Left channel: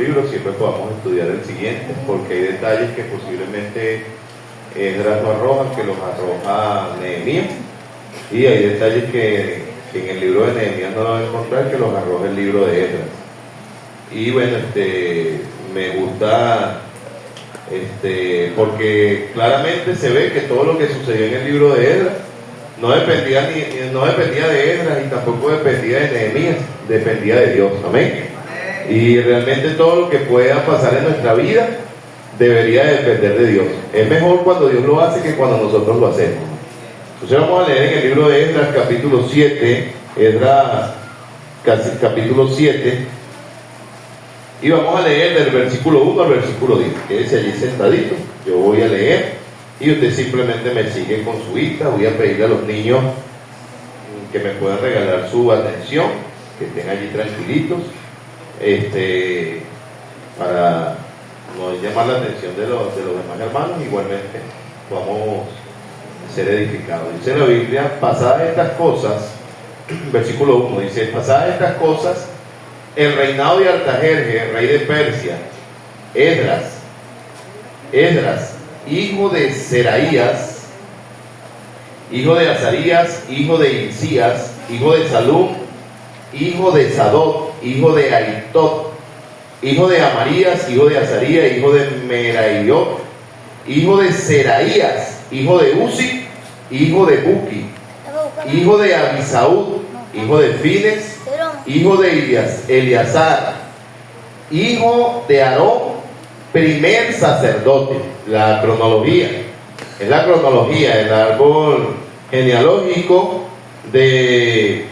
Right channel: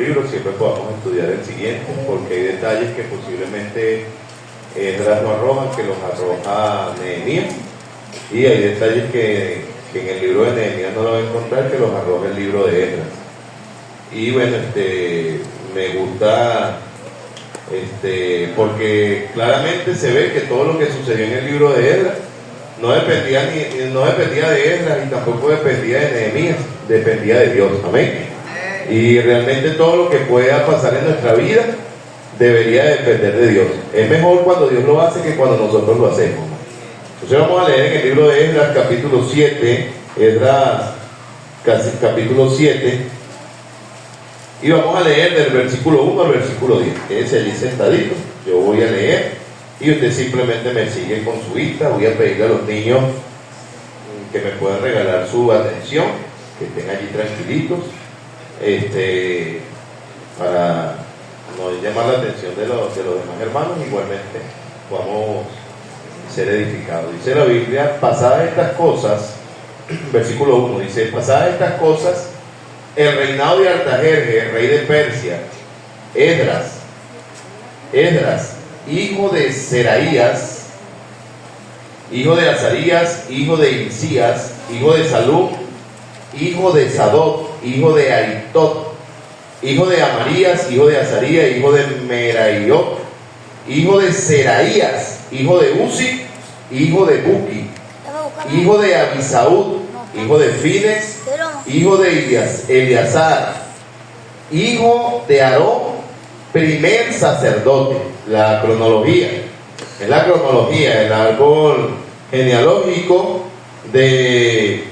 libros, siempre podamos estudiar el siguiente, porque hay detalles que posiblemente Esdras no arroja, que los arroja Nehemías, y hay detalles que en el libro de Nehemías no lo va a encontrar, que los arroja el libro de Esdras. Y bueno, me gusta porque claramente se ve que todo lo que sucedió en el libro de Esdras no dependía de Esdras y tampoco dependía de Nehemías, dependía de Dios. Amén. Y realmente todo lo que pueda pasar en nuestra vida debería depender de Dios. Es mejor cuando Dios lo hace que cuando nosotros lo hacemos. Entonces vamos a leer en el libro de Esdras capítulo 7, Esdras capítulo 7, y vamos a leer del versículo 1 al versículo 10. Quédese allí sentadito, yo voy a leer y usted simplemente me sigue con su vista. Voy a pedirle a los niños que me puedan regalar su atención, que estén allí tranquilitos, para no llamar la atención de los demás hermanos. Igualmente vamos a ser edificados. Dice la Biblia: pasadas estas cosas, versículo 1 dice: pasadas estas cosas, el reinado de Artajerjes, rey de Persia, Esdras, hijo de Seraías, hijo de Azarías, hijo de Hilcías, hijo de Salum, hijo de Sadoc, hijo de Aitot, hijo de Amarías, hijo de Azarías, hijo de Meraiot, hijo de Seraías, hijo de Uzi, hijo de Buki, hijo de Abisaúd, hijo de Fines, hijo de Eleazar, hijo de Aarón, primer sacerdote. La cronología, es la cronología, el árbol genealógico del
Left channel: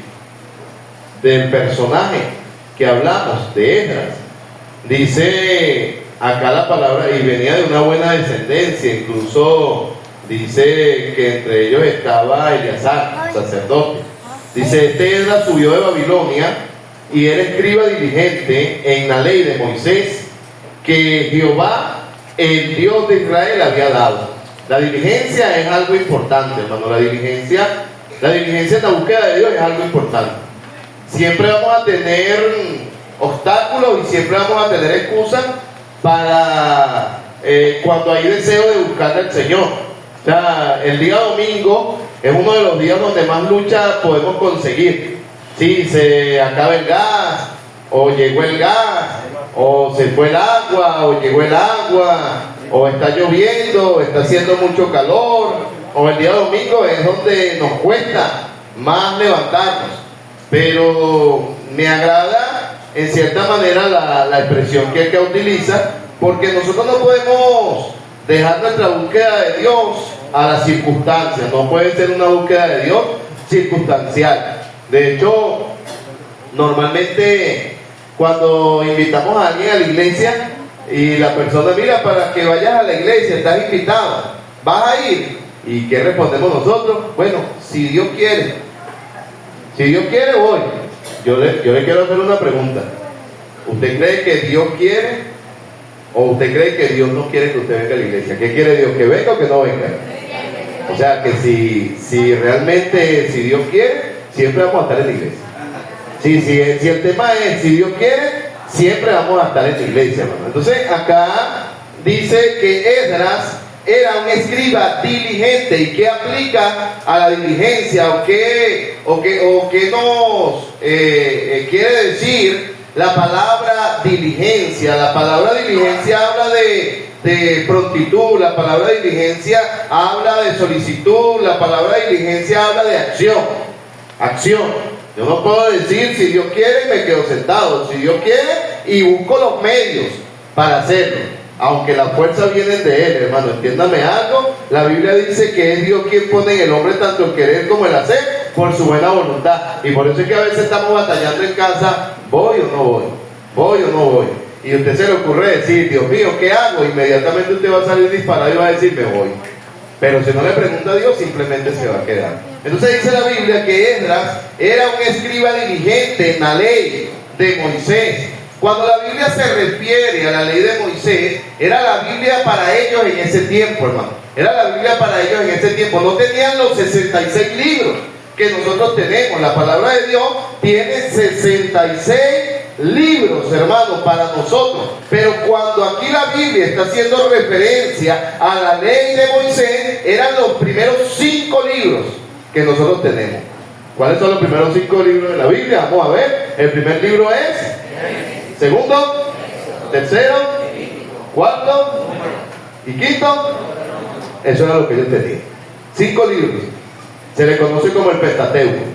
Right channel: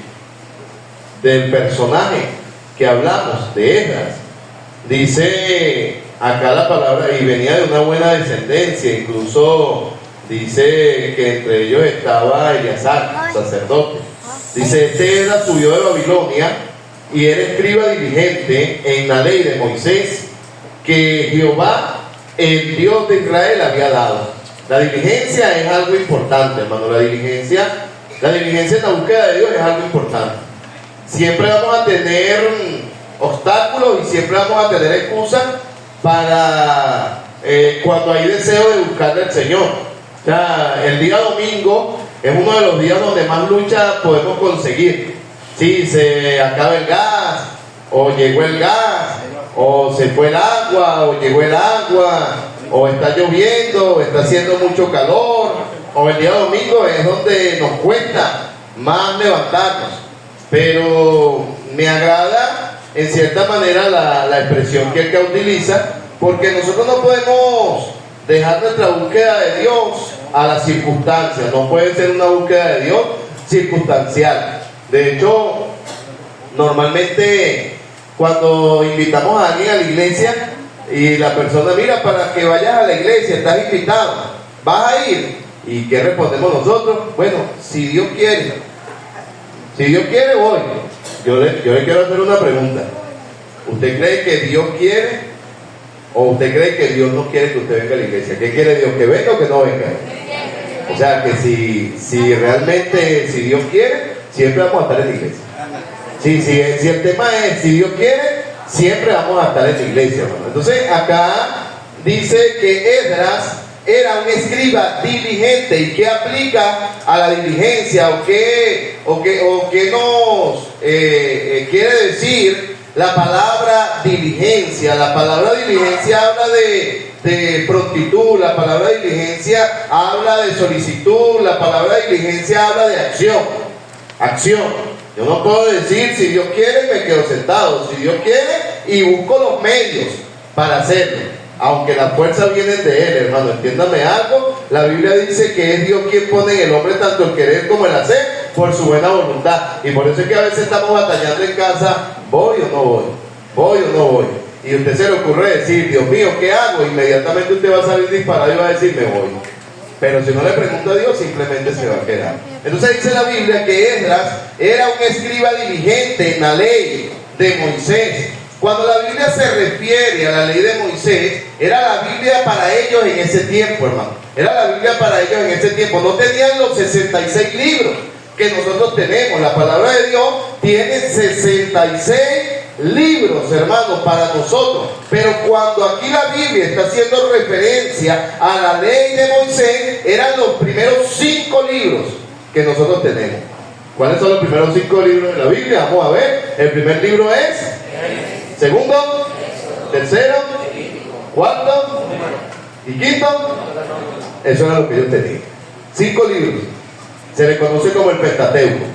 personaje que hablamos, de Esdras. Dice acá la palabra, y venía de una buena descendencia, incluso dice que entre ellos estaba Eleazar, sacerdote. Dice: Esdras subió de Babilonia y era escriba diligente en la ley de Moisés, que Jehová, el Dios de Israel, había dado. La diligencia es algo importante, hermano. La diligencia en la búsqueda de Dios es algo importante. Siempre vamos a tener obstáculos y siempre vamos a tener excusas para cuando hay deseo de buscar al Señor. O sea, el día domingo es uno de los días donde más lucha podemos conseguir. Si se acaba el gas, o llegó el gas, o se fue el agua, o llegó el agua, o está lloviendo, o está haciendo mucho calor, o el día domingo es donde nos cuesta más levantarnos. Pero me agrada en cierta manera la expresión que acá utiliza, porque nosotros no podemos dejar nuestra búsqueda de Dios a las circunstancias. No puede ser una búsqueda de Dios circunstancial. De hecho, normalmente cuando invitamos a alguien a la iglesia y la persona: mira, para que vayas a la iglesia, estás invitado, ¿vas a ir? ¿Y qué respondemos nosotros? Bueno, si Dios quiere. Si Dios quiere, voy. Yo le quiero hacer una pregunta. ¿Usted cree que Dios quiere o usted cree que Dios no quiere que usted venga a la iglesia? ¿Qué quiere Dios? ¿Que venga o que no venga? O sea, que si realmente, si Dios quiere, siempre vamos a estar en la iglesia. Si el tema es si Dios quiere, siempre vamos a estar en la iglesia, hermano. Entonces acá dice que Esdras era un escriba diligente. ¿Y qué aplica a la diligencia? ¿O qué nos quiere decir la palabra diligencia? La palabra diligencia habla de prontitud, la palabra diligencia habla de solicitud, la palabra diligencia habla de acción. Yo no puedo decir si Dios quiere me quedo sentado. Si Dios quiere y busco los medios para hacerlo, aunque las fuerzas vienen de Él, hermano. Entiéndame algo, la Biblia dice que es Dios quien pone en el hombre tanto el querer como el hacer por su buena voluntad. Y por eso es que a veces estamos batallando en casa: ¿voy o no voy? ¿Voy o no voy? Y a usted se le ocurre decir: Dios mío, ¿qué hago? Inmediatamente usted va a salir disparado y va a decir: me voy. Pero si no le pregunta a Dios, simplemente se va a quedar. Entonces dice la Biblia que Esdras era un escriba diligente en la ley de Moisés. Cuando la Biblia se refiere a la ley de Moisés, era la Biblia para ellos en ese tiempo, hermano. Era la Biblia para ellos en ese tiempo. No tenían los 66 libros que nosotros tenemos. La palabra de Dios tiene 66 libros, hermanos, para nosotros. Pero cuando aquí la Biblia está haciendo referencia a la ley de Moisés, eran los primeros 5 libros que nosotros tenemos. ¿Cuáles son los primeros 5 libros de la Biblia? Vamos a ver. El primer libro es, segundo, tercero, cuarto y quinto. Eso era lo que ellos tenían. 5 libros. Se le conoce como el Pentateuco.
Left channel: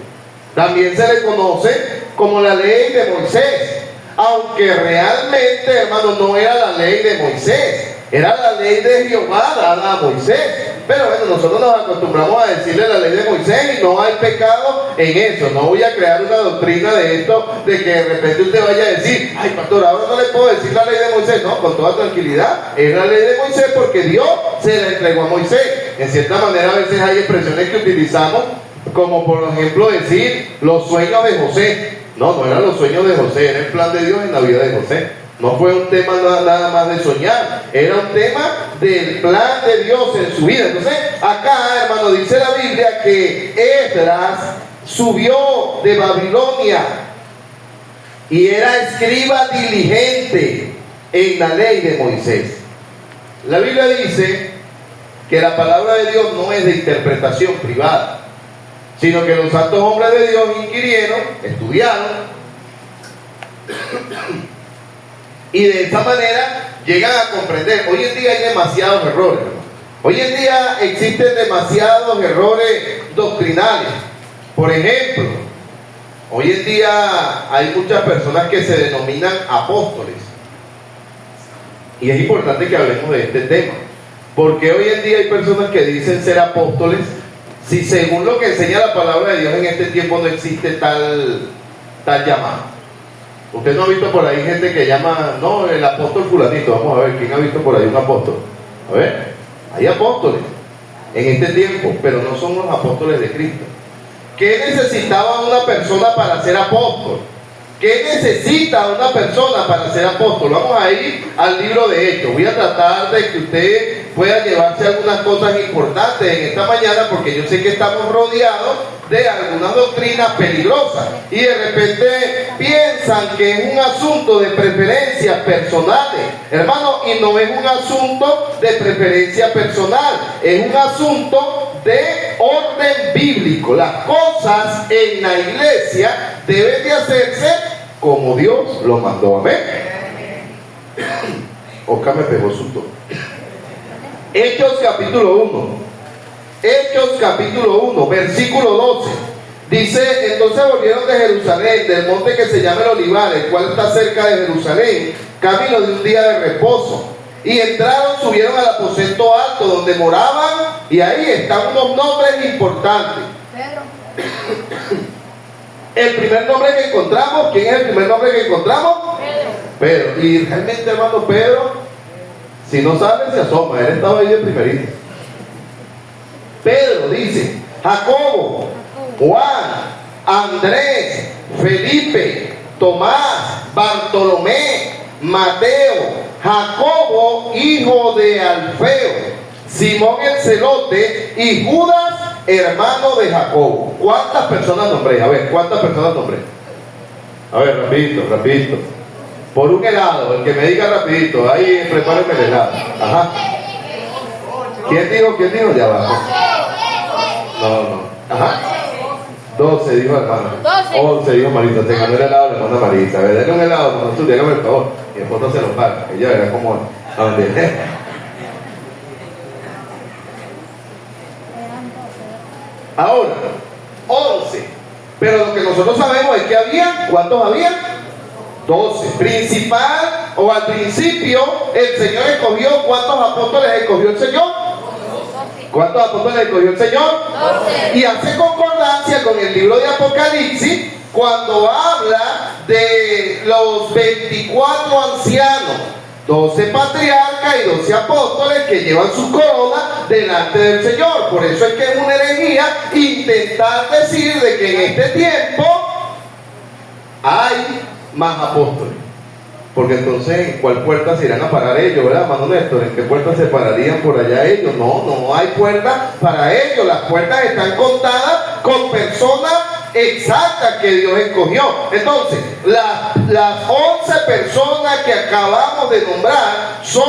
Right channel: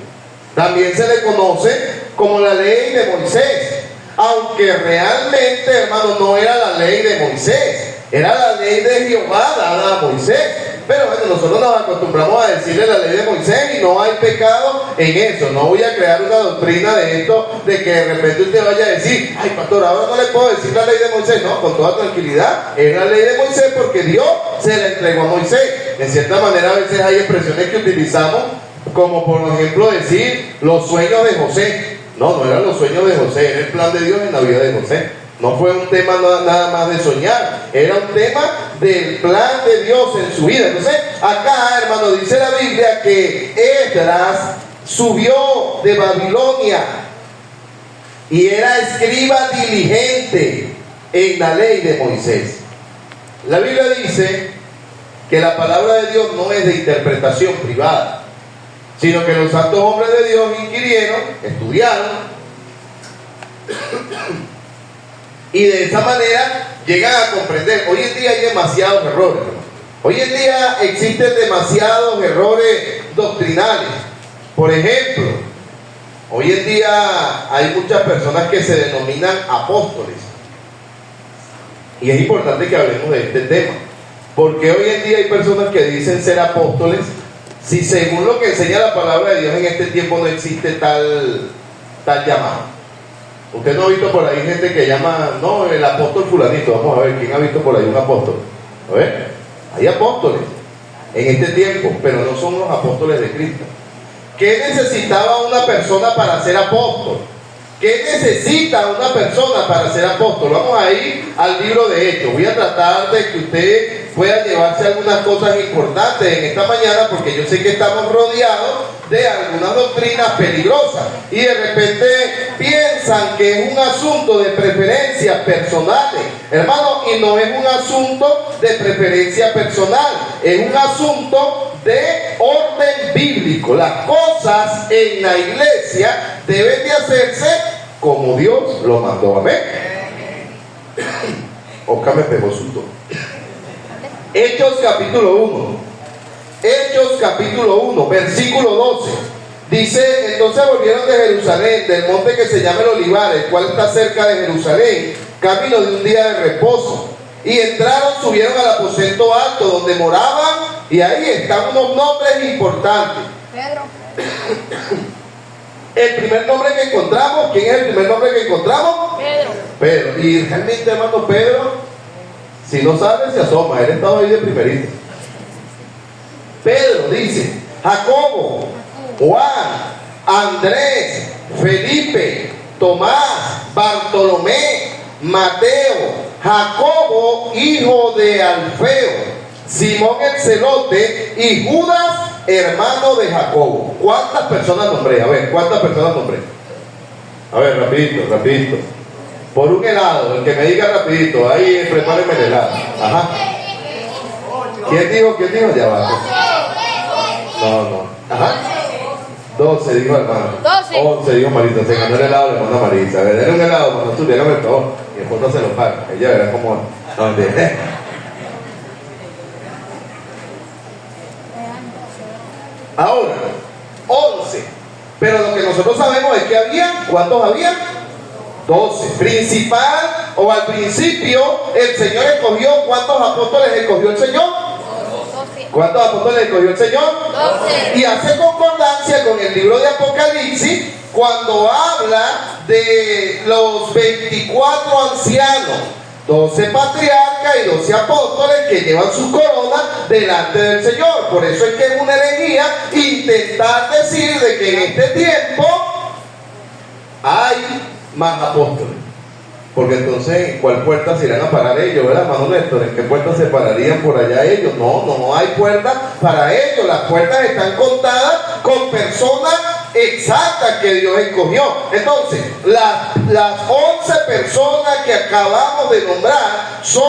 También se le conoce como la ley de Moisés. Aunque realmente, hermano, no era la ley de Moisés, era la ley de Jehová dada a Moisés. Pero bueno, nosotros nos acostumbramos a decirle la ley de Moisés y no hay pecado en eso. No voy a crear una doctrina de esto, de que de repente usted vaya a decir, ay pastor, ahora no le puedo decir la ley de Moisés. No, con toda tranquilidad, es la ley de Moisés porque Dios se la entregó a Moisés. En cierta manera a veces hay expresiones que utilizamos, como por ejemplo decir los sueños de José. No, no eran los sueños de José, era el plan de Dios en la vida de José. No fue un tema nada más de soñar, era un tema del plan de Dios en su vida. Entonces, acá, hermano, dice la Biblia que Esdras subió de Babilonia y era escriba diligente en la ley de Moisés. La Biblia dice que la palabra de Dios no es de interpretación privada, sino que los santos hombres de Dios inquirieron, estudiaron, y de esa manera llegan a comprender. Hoy en día hay demasiados errores, ¿no? Hoy en día existen demasiados errores doctrinales. Por ejemplo, hoy en día hay muchas personas que se denominan apóstoles. Y es importante que hablemos de este tema, porque hoy en día hay personas que dicen ser apóstoles, si según lo que enseña la palabra de Dios en este tiempo no existe tal llamado. Usted no ha visto por ahí gente que llama, no, el apóstol fulanito. Vamos a ver, ¿quién ha visto por ahí un apóstol? A ver, hay apóstoles en este tiempo, pero no son los apóstoles de Cristo. ¿Qué necesitaba una persona para ser apóstol? ¿Qué necesita una persona para ser apóstol? Vamos a ir al libro de Hechos. Voy a tratar de que usted pueda llevarse algunas cosas importantes en esta mañana, porque yo sé que estamos rodeados de algunas doctrinas peligrosas y de repente piensan que es un asunto de preferencias personales, hermano, y no es un asunto de preferencia personal, es un asunto de orden bíblico. Las cosas en la iglesia deben de hacerse como Dios lo mandó. Amén. Oscar me pegó su toque. Hechos capítulo 1. Hechos capítulo 1, versículo 12. Dice, entonces volvieron de Jerusalén, del monte que se llama el Olivar, el cual está cerca de Jerusalén, camino de un día de reposo. Y entraron, subieron al aposento alto donde moraban, y ahí están unos nombres importantes. Pedro. El primer nombre que encontramos, ¿quién es el primer nombre que encontramos? Pedro. Pedro. Y realmente, hermano, Pedro, si no sabe, se asoma, él estaba ahí de primerito. Pedro dice, Jacobo, Juan, Andrés, Felipe, Tomás, Bartolomé, Mateo, Jacobo, hijo de Alfeo, Simón el celote y Judas, hermano de Jacobo. ¿Cuántas personas nombré? A ver, ¿cuántas personas nombré? A ver, rapidito. Por un helado, el que me diga rapidito, ahí prepárenme el helado. Ajá. ¿Quién dijo? Ya va. No. Ajá. 12 dijo hermano. 11 dijo Marita. Se ganó el helado, le manda Marita. A ver, denle un helado, hermano. Tú, dígame el favor. Mi esposa se lo paga. Ella verá cómo. No, ahora, 11. Pero lo que nosotros sabemos es que había, ¿cuántos había? 12. Principal, o al principio, el Señor escogió, ¿cuántos apóstoles escogió el Señor? ¿Cuántos apóstoles escogió el Señor? 12. Y hace concordancia con el libro de Apocalipsis cuando habla de los 24 ancianos, 12 patriarcas y 12 apóstoles que llevan su corona delante del Señor. Por eso es que es una herejía intentar decir de que en este tiempo hay más apóstoles, porque entonces ¿en cuál puerta se irán a parar ellos, verdad, hermano Néstor? ¿En qué puerta se pararían por allá ellos? No hay puerta para ellos. Las puertas están contadas con personas exacta que Dios escogió. Entonces, las 11 personas que acabamos de nombrar son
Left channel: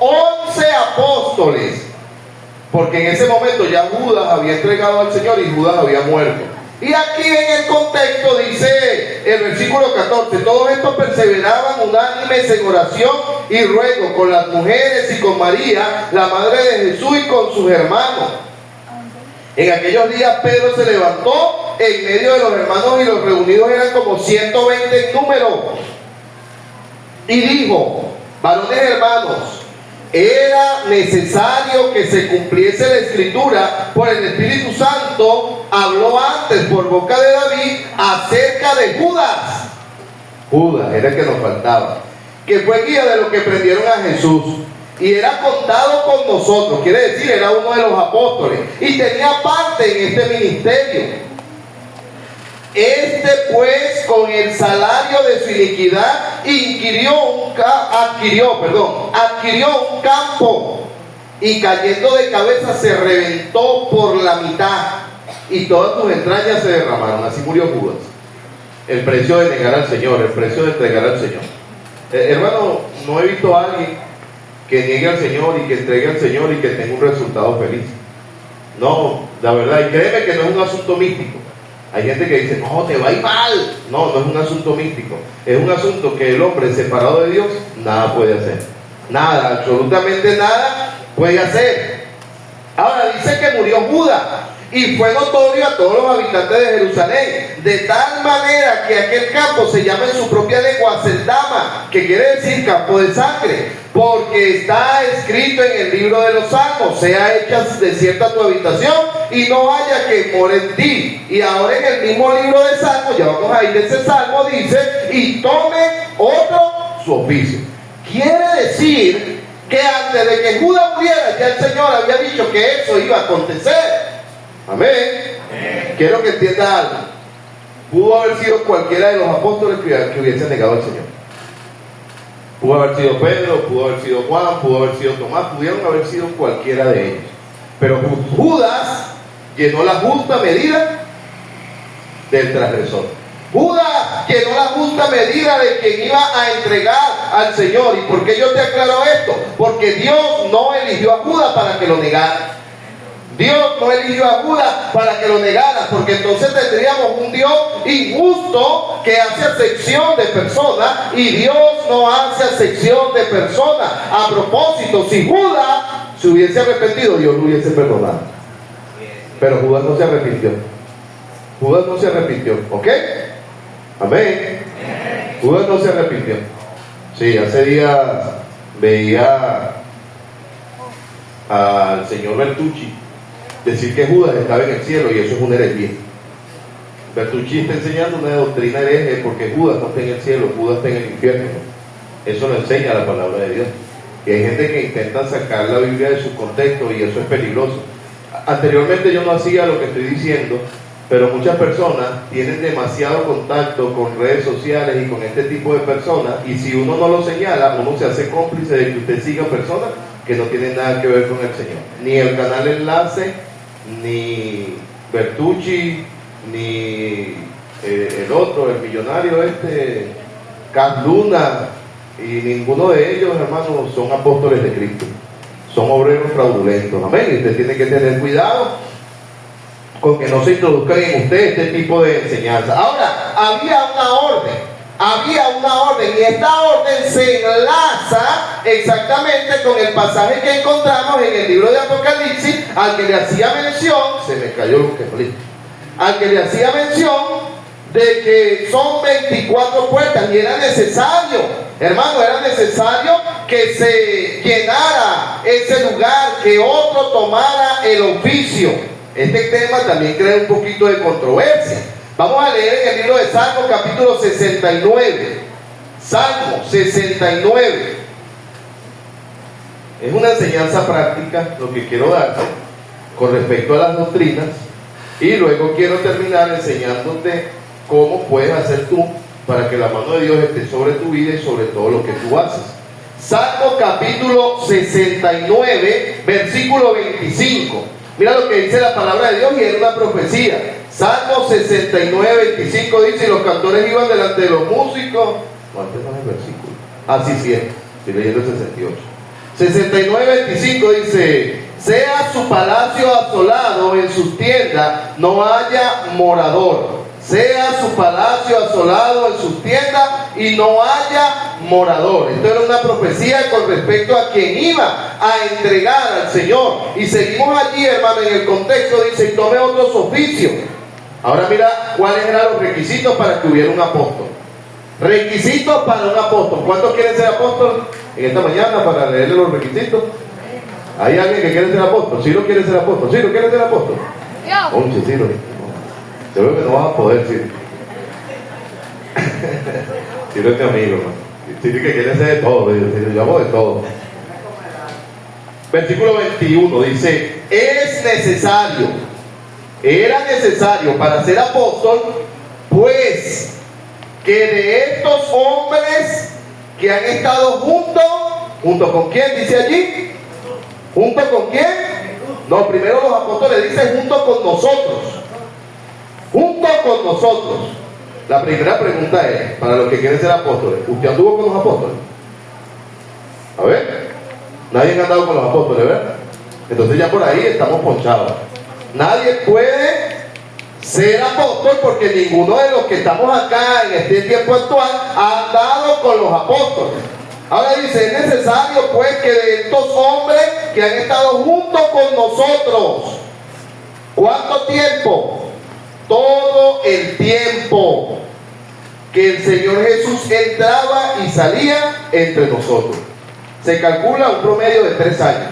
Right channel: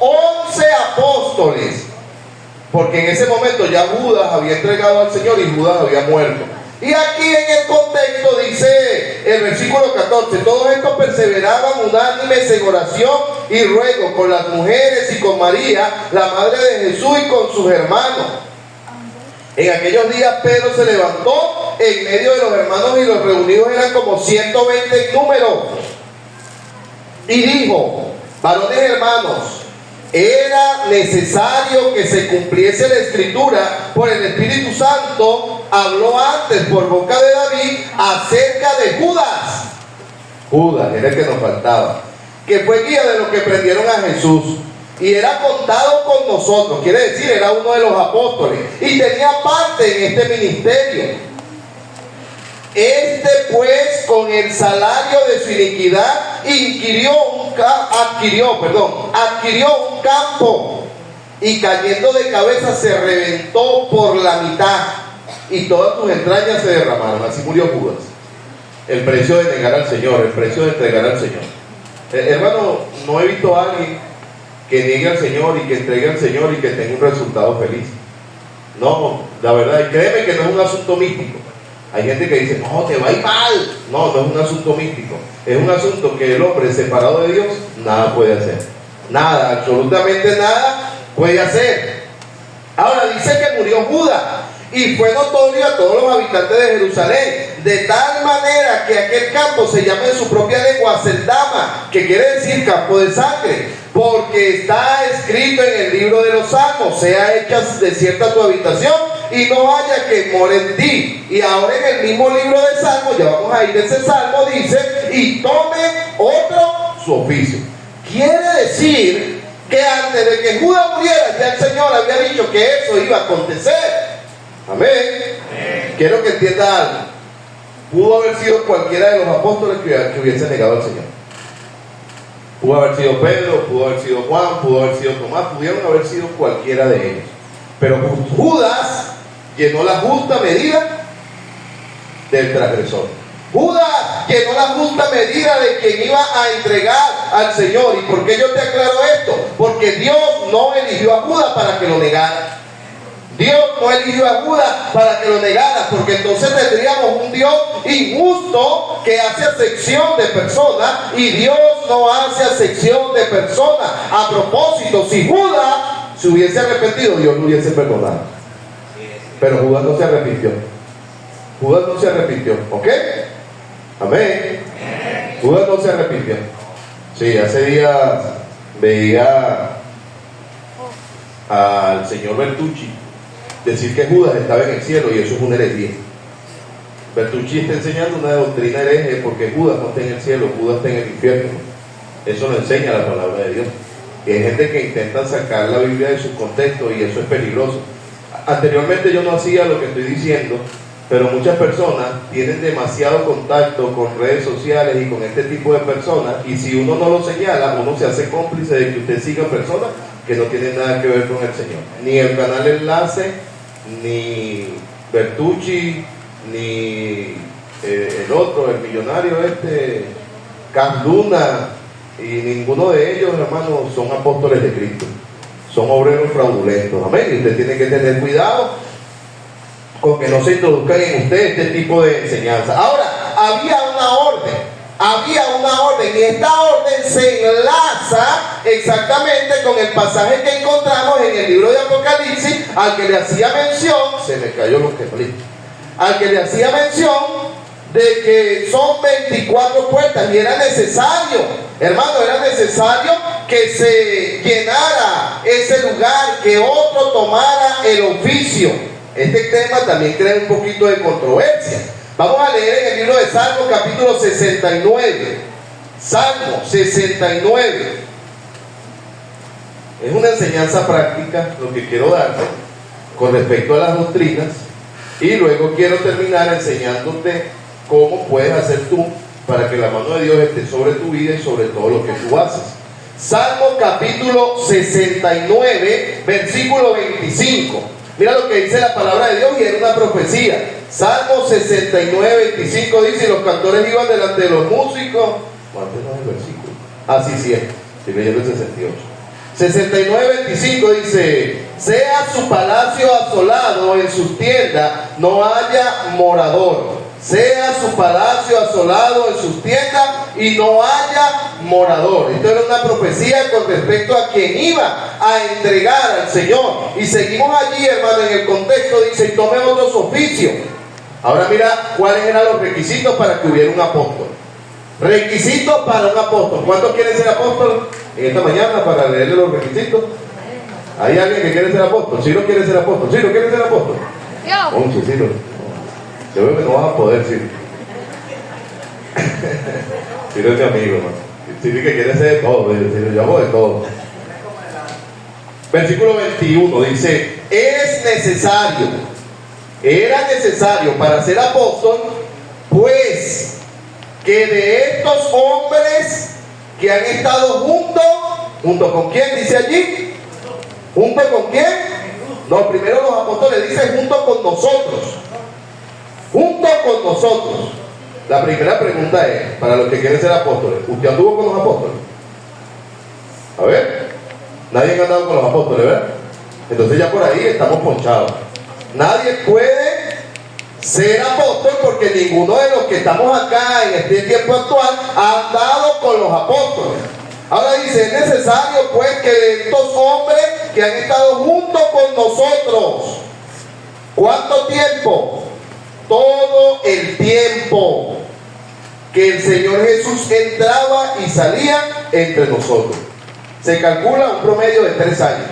11 apóstoles, porque en ese momento ya Judas había entregado al Señor y Judas había muerto. Y aquí en el contexto dice el versículo 14: todos estos perseveraban unánimes en oración y ruego con las mujeres y con María, la madre de Jesús, y con sus hermanos. En aquellos días Pedro se levantó en medio de los hermanos, y los reunidos eran como 120 en número, y dijo: varones hermanos, era necesario que se cumpliese la escritura por el Espíritu Santo. Habló antes por boca de David acerca de Judas. Judas era el que nos faltaba, que fue guía de los que prendieron a Jesús, y era contado con nosotros, quiere decir, era uno de los apóstoles, y tenía parte en este ministerio. Este pues, con el salario de su iniquidad, adquirió un campo, y cayendo de cabeza se reventó por la mitad, y todas sus entrañas se derramaron. Así murió Judas. El precio de negar al Señor, el precio de entregar al Señor. Hermano, no he visto a alguien que niegue al Señor y que entregue al Señor y que tenga un resultado feliz. No, la verdad, y créeme que no es un asunto místico. Hay gente que dice: no, te va a ir mal. No, no es un asunto místico. Es un asunto que el hombre separado de Dios nada puede hacer. Nada, absolutamente nada puede hacer. Ahora dice que murió Judas, y fue notorio a todos los habitantes de Jerusalén, de tal manera que aquel campo se llama en su propia lengua Aceldama, que quiere decir campo de sangre, porque está escrito en el libro de los Salmos: sea hecha desierta tu habitación y no haya que more en ti. Y ahora en el mismo libro de Salmos, ya vamos a ir de ese Salmo, dice: y tome otro su oficio. Quiere decir que antes de que Judas muriera, ya el Señor había dicho que eso iba a acontecer. Amén. Quiero que entienda algo. Pudo haber sido cualquiera de los apóstoles que hubiese negado al Señor. Pudo haber sido Pedro, pudo haber sido Juan, pudo haber sido Tomás, pudieron haber sido cualquiera de ellos. Pero Judas llenó la justa medida del transgresor. Judas llenó la justa medida de quien iba a entregar al Señor. ¿Y por qué yo te aclaro esto? Porque Dios no eligió a Judas para que lo negara. Dios no eligió a Judas para que lo negara, porque entonces tendríamos un Dios injusto que hace acepción de personas, y Dios no hace acepción de personas. A propósito, si Judas se hubiese arrepentido, Dios lo hubiese perdonado. Pero Judas no se arrepintió. Judas no se arrepintió, ¿ok? Amén. Judas no se arrepintió. Sí, hace días veía al señor Bertucci decir que Judas estaba en el cielo, y eso es una herejía. Bertucci está enseñando una doctrina hereje, porque Judas no está en el cielo, Judas está en el infierno. Eso no enseña la palabra de Dios. Y hay gente que intenta sacar la Biblia de su contexto, y eso es peligroso. Anteriormente yo no hacía lo que estoy diciendo, pero muchas personas tienen demasiado contacto con redes sociales y con este tipo de personas, y si uno no lo señala, uno se hace cómplice de que usted siga personas que no tienen nada que ver con el Señor. Ni el canal Enlace, ni Bertucci, ni el otro, el millonario Cas Luna, y ninguno de ellos, hermanos, son apóstoles de Cristo. Son obreros fraudulentos. Amén. Y usted tiene que tener cuidado con que no se introduzcan en usted este tipo de enseñanza. Ahora, había una orden, y esta orden se enlaza exactamente con el pasaje que encontramos en el libro de Apocalipsis, al que le hacía mención, se me cayó lo que falé, al que le hacía mención de que son 24 puertas, y era necesario, hermano, era necesario que se llenara ese lugar, que otro tomara el oficio. Este tema también crea un poquito de controversia. Vamos a leer en el libro de Salmos, capítulo 69. Salmo 69. Es una enseñanza práctica lo que quiero darte con respecto a las doctrinas, y luego quiero terminar enseñándote cómo puedes hacer tú para que la mano de Dios esté sobre tu vida y sobre todo lo que tú haces. Salmo capítulo 69, versículo 25. Mira lo que dice la palabra de Dios, y es una profecía. Salmo 69, 25 dice, y los cantores iban delante de los músicos. ¿Cuánto no es el versículo? Ah, sí, es. Estoy leyendo el 68. 69, 25 dice, sea su palacio asolado, en sus tiendas no haya morador. Sea su palacio asolado en sus tiendas y no haya morador. Esto era una profecía con respecto a quien iba a entregar al Señor. Y seguimos allí, hermano, en el contexto dice, y tome otros oficios. Ahora mira cuáles eran los requisitos para que hubiera un apóstol. Requisitos para un apóstol. ¿Cuántos quieren ser apóstol en esta mañana para leerle los requisitos? ¿Hay alguien que quiere ser apóstol? ¿Sí no quiere ser apóstol? ¿Sí no quiere ser apóstol? Yo. Sí, no. Yo creo que no vas a poder, sí. Sí, no es mi amigo, ¿no? Sí, que quiere ser de todo. Yo hago de todo. Versículo 21 dice, era necesario para ser apóstol, pues que de estos hombres que han estado ¿junto con quién dice allí? ¿Junto con quién? No, primero los apóstoles dicen junto con nosotros. Junto con nosotros. La primera pregunta es, para los que quieren ser apóstoles, ¿usted anduvo con los apóstoles? A ver, nadie ha andado con los apóstoles, ¿verdad? Entonces ya por ahí estamos ponchados. Nadie puede ser apóstol porque ninguno de los que estamos acá en este tiempo actual ha andado con los apóstoles. Ahora dice, es necesario pues que de estos hombres que han estado junto con nosotros, ¿cuánto tiempo? Todo el tiempo que el Señor Jesús entraba y salía entre nosotros. Se calcula un promedio de 3 años.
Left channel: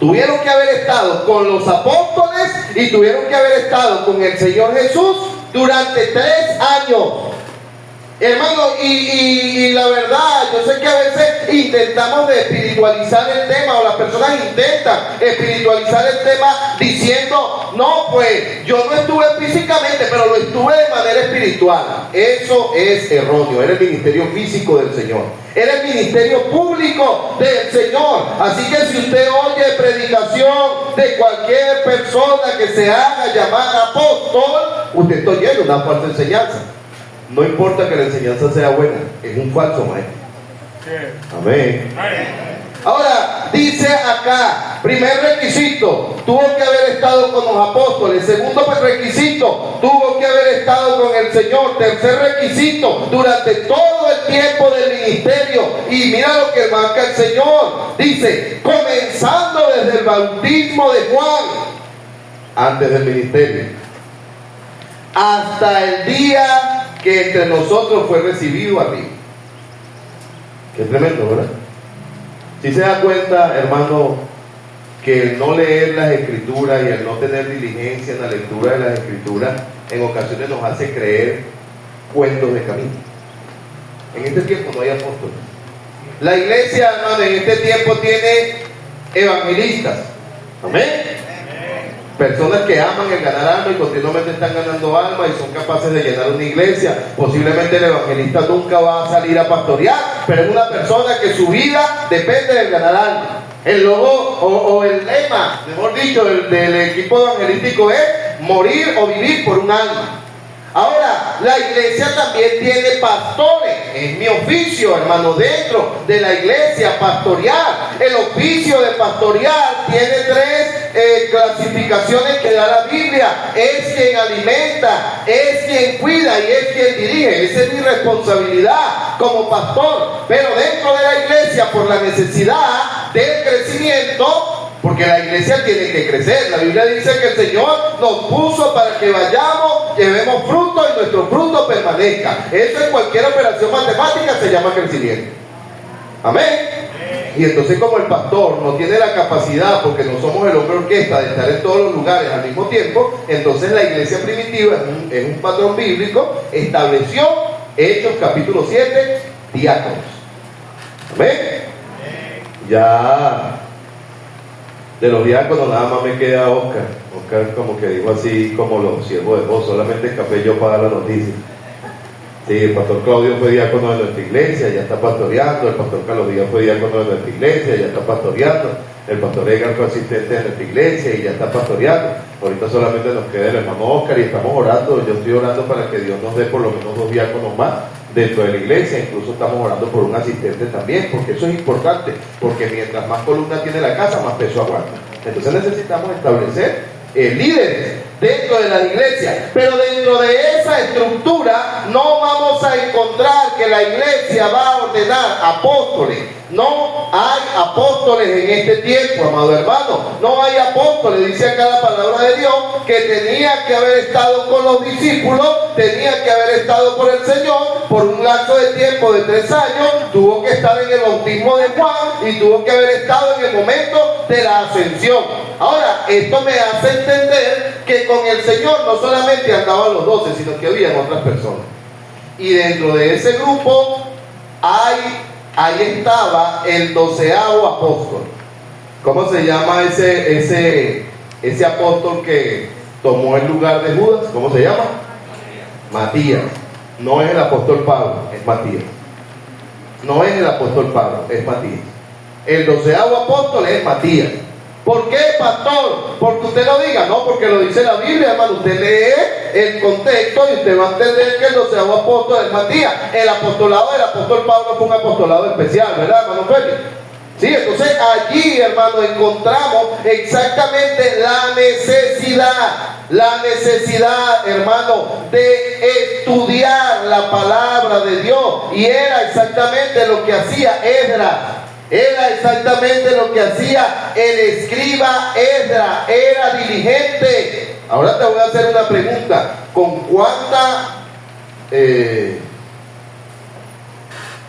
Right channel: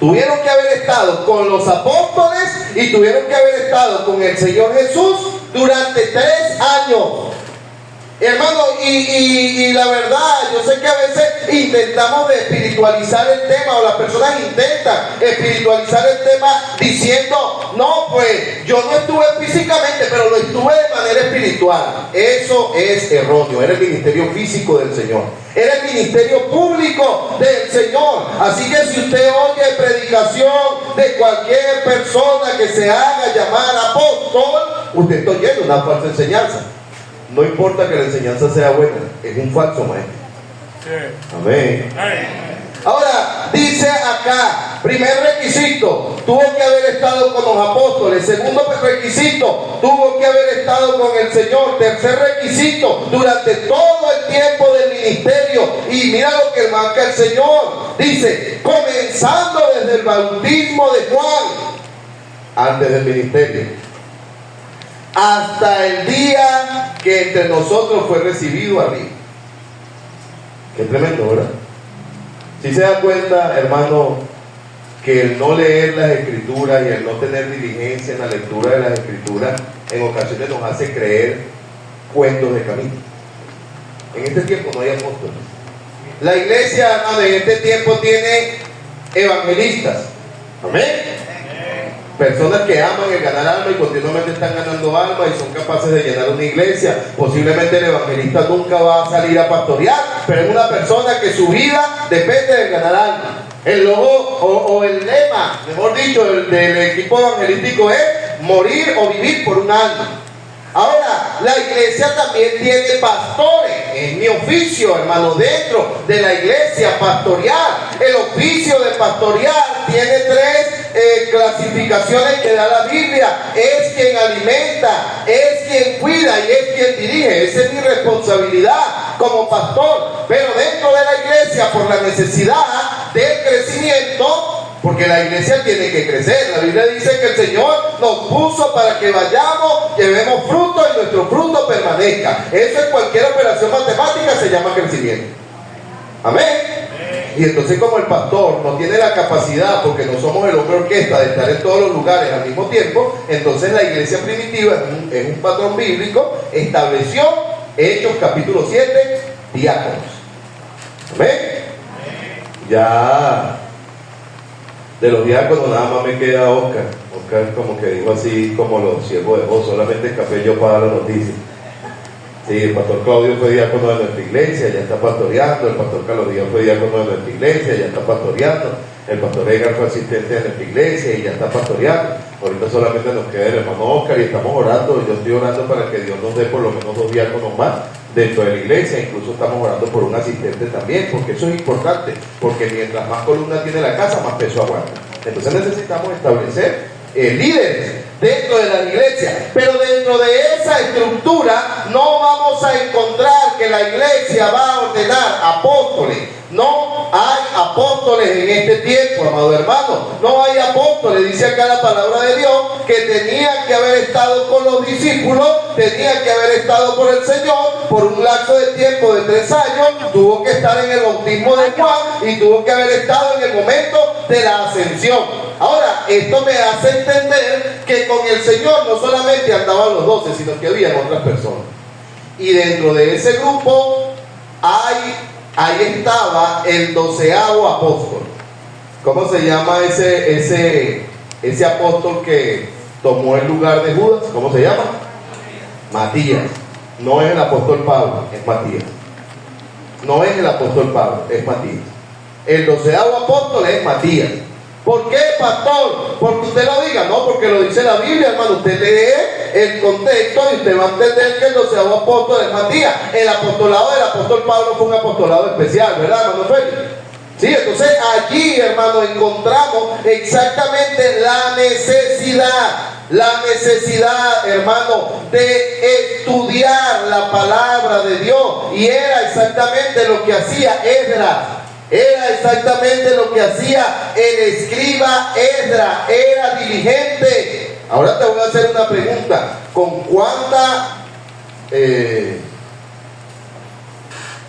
Tuvieron que haber estado con los apóstoles y tuvieron que haber estado con el Señor Jesús durante 3 años. Hermano, y la verdad, yo sé que a veces intentamos de espiritualizar el tema, o las personas intentan espiritualizar el tema diciendo, no, pues yo no estuve físicamente, pero lo estuve de manera espiritual. Eso es erróneo. Era el ministerio físico del Señor, era el ministerio público del Señor. Así que si usted oye predicación de cualquier persona que se haga llamar apóstol, usted está oyendo una falsa enseñanza. No importa que la enseñanza sea buena, es un falso maestro. Amén. Ahora, dice acá, primer requisito, tuvo que haber estado con los apóstoles. Segundo requisito, tuvo que haber estado con el Señor. Tercer requisito, durante todo el tiempo del ministerio. Y mira lo que marca el Señor. Dice, comenzando desde el bautismo de Juan, antes del ministerio, hasta el día que entre nosotros fue recibido arriba. Qué tremendo, ¿verdad? Si se da cuenta, hermano, que el no leer las escrituras y el no tener diligencia en la lectura de las escrituras en ocasiones nos hace creer cuentos de camino. En este tiempo no hay apóstoles. La iglesia, hermano, en este tiempo tiene evangelistas. Amén. Personas que aman el ganar alma y continuamente están ganando alma y son capaces de llenar una iglesia. Posiblemente el evangelista nunca va a salir a pastorear, pero es una persona que su vida depende del ganar alma. El logo o el lema, mejor dicho, del equipo evangelístico es morir o vivir por un alma. Ahora, la iglesia también tiene pastores. Es mi oficio, hermano, dentro de la iglesia, pastorear. El oficio de pastorear tiene 3 clasificaciones que da la Biblia. Es quien alimenta, es quien cuida y es quien dirige. Esa es mi responsabilidad como pastor. Pero dentro de la iglesia, por la necesidad del crecimiento, porque la iglesia tiene que crecer. La Biblia dice que el Señor nos puso para que vayamos, llevemos fruto y nuestro fruto permanezca. Eso en cualquier operación matemática se llama crecimiento. Amén. Y entonces, como el pastor no tiene la capacidad, porque no somos el hombre orquesta, de estar en todos los lugares al mismo tiempo, entonces la iglesia primitiva, en un patrón bíblico, estableció, Hechos capítulo 7, diáconos. Amén. Ya de los diáconos nada más me queda Oscar. Oscar como que dijo así, como los siervos de voz, solamente escapé yo para dar la noticia. Sí, el pastor Claudio fue diácono de nuestra iglesia, ya está pastoreando. El pastor Carlos Díaz fue diácono de nuestra iglesia, ya está pastoreando. El pastor Edgar fue asistente de nuestra iglesia y ya está pastoreando. Ahorita solamente nos queda el hermano Oscar y estamos orando. Yo estoy orando para que Dios nos dé por lo menos 2 diáconos más dentro de la iglesia. Incluso estamos orando por un asistente también, porque eso es importante, porque mientras más columna tiene la casa, más peso aguanta. Entonces necesitamos establecer líderes dentro de la iglesia, pero dentro de esa estructura no vamos a encontrar que la iglesia va a ordenar apóstoles. No hay apóstoles en este tiempo, amado hermano. No hay apóstoles. Dice acá la palabra de Dios que tenía que haber estado con los discípulos, tenía que haber estado con el Señor por un lapso de tiempo de 3 años, tuvo que estar en el bautismo de Juan y tuvo que haber estado en el momento de la ascensión. Ahora, esto me hace entender que con el Señor no solamente andaban los 12, sino que había otras personas. Y dentro de ese grupo ahí estaba el 12º apóstol. ¿Cómo se llama ese apóstol que tomó el lugar de Judas? ¿Cómo se llama? Matías. No es el apóstol Pablo, es Matías. No es el apóstol Pablo, es Matías. El 12º apóstol es Matías. ¿Por qué, pastor? Porque usted lo diga, no, porque lo dice la Biblia, hermano. Usted lee el contexto y usted va a entender que el 12º apóstol es Matías. El apostolado del apóstol Pablo fue un apostolado especial, ¿verdad, hermano Félix? Sí, entonces allí, hermano, encontramos exactamente la necesidad, hermano, de estudiar la palabra de Dios. Y era exactamente lo que hacía Esdras. Era exactamente lo que hacía el escriba Esdras. Era diligente. Ahora te voy a hacer una pregunta. ¿Con cuánta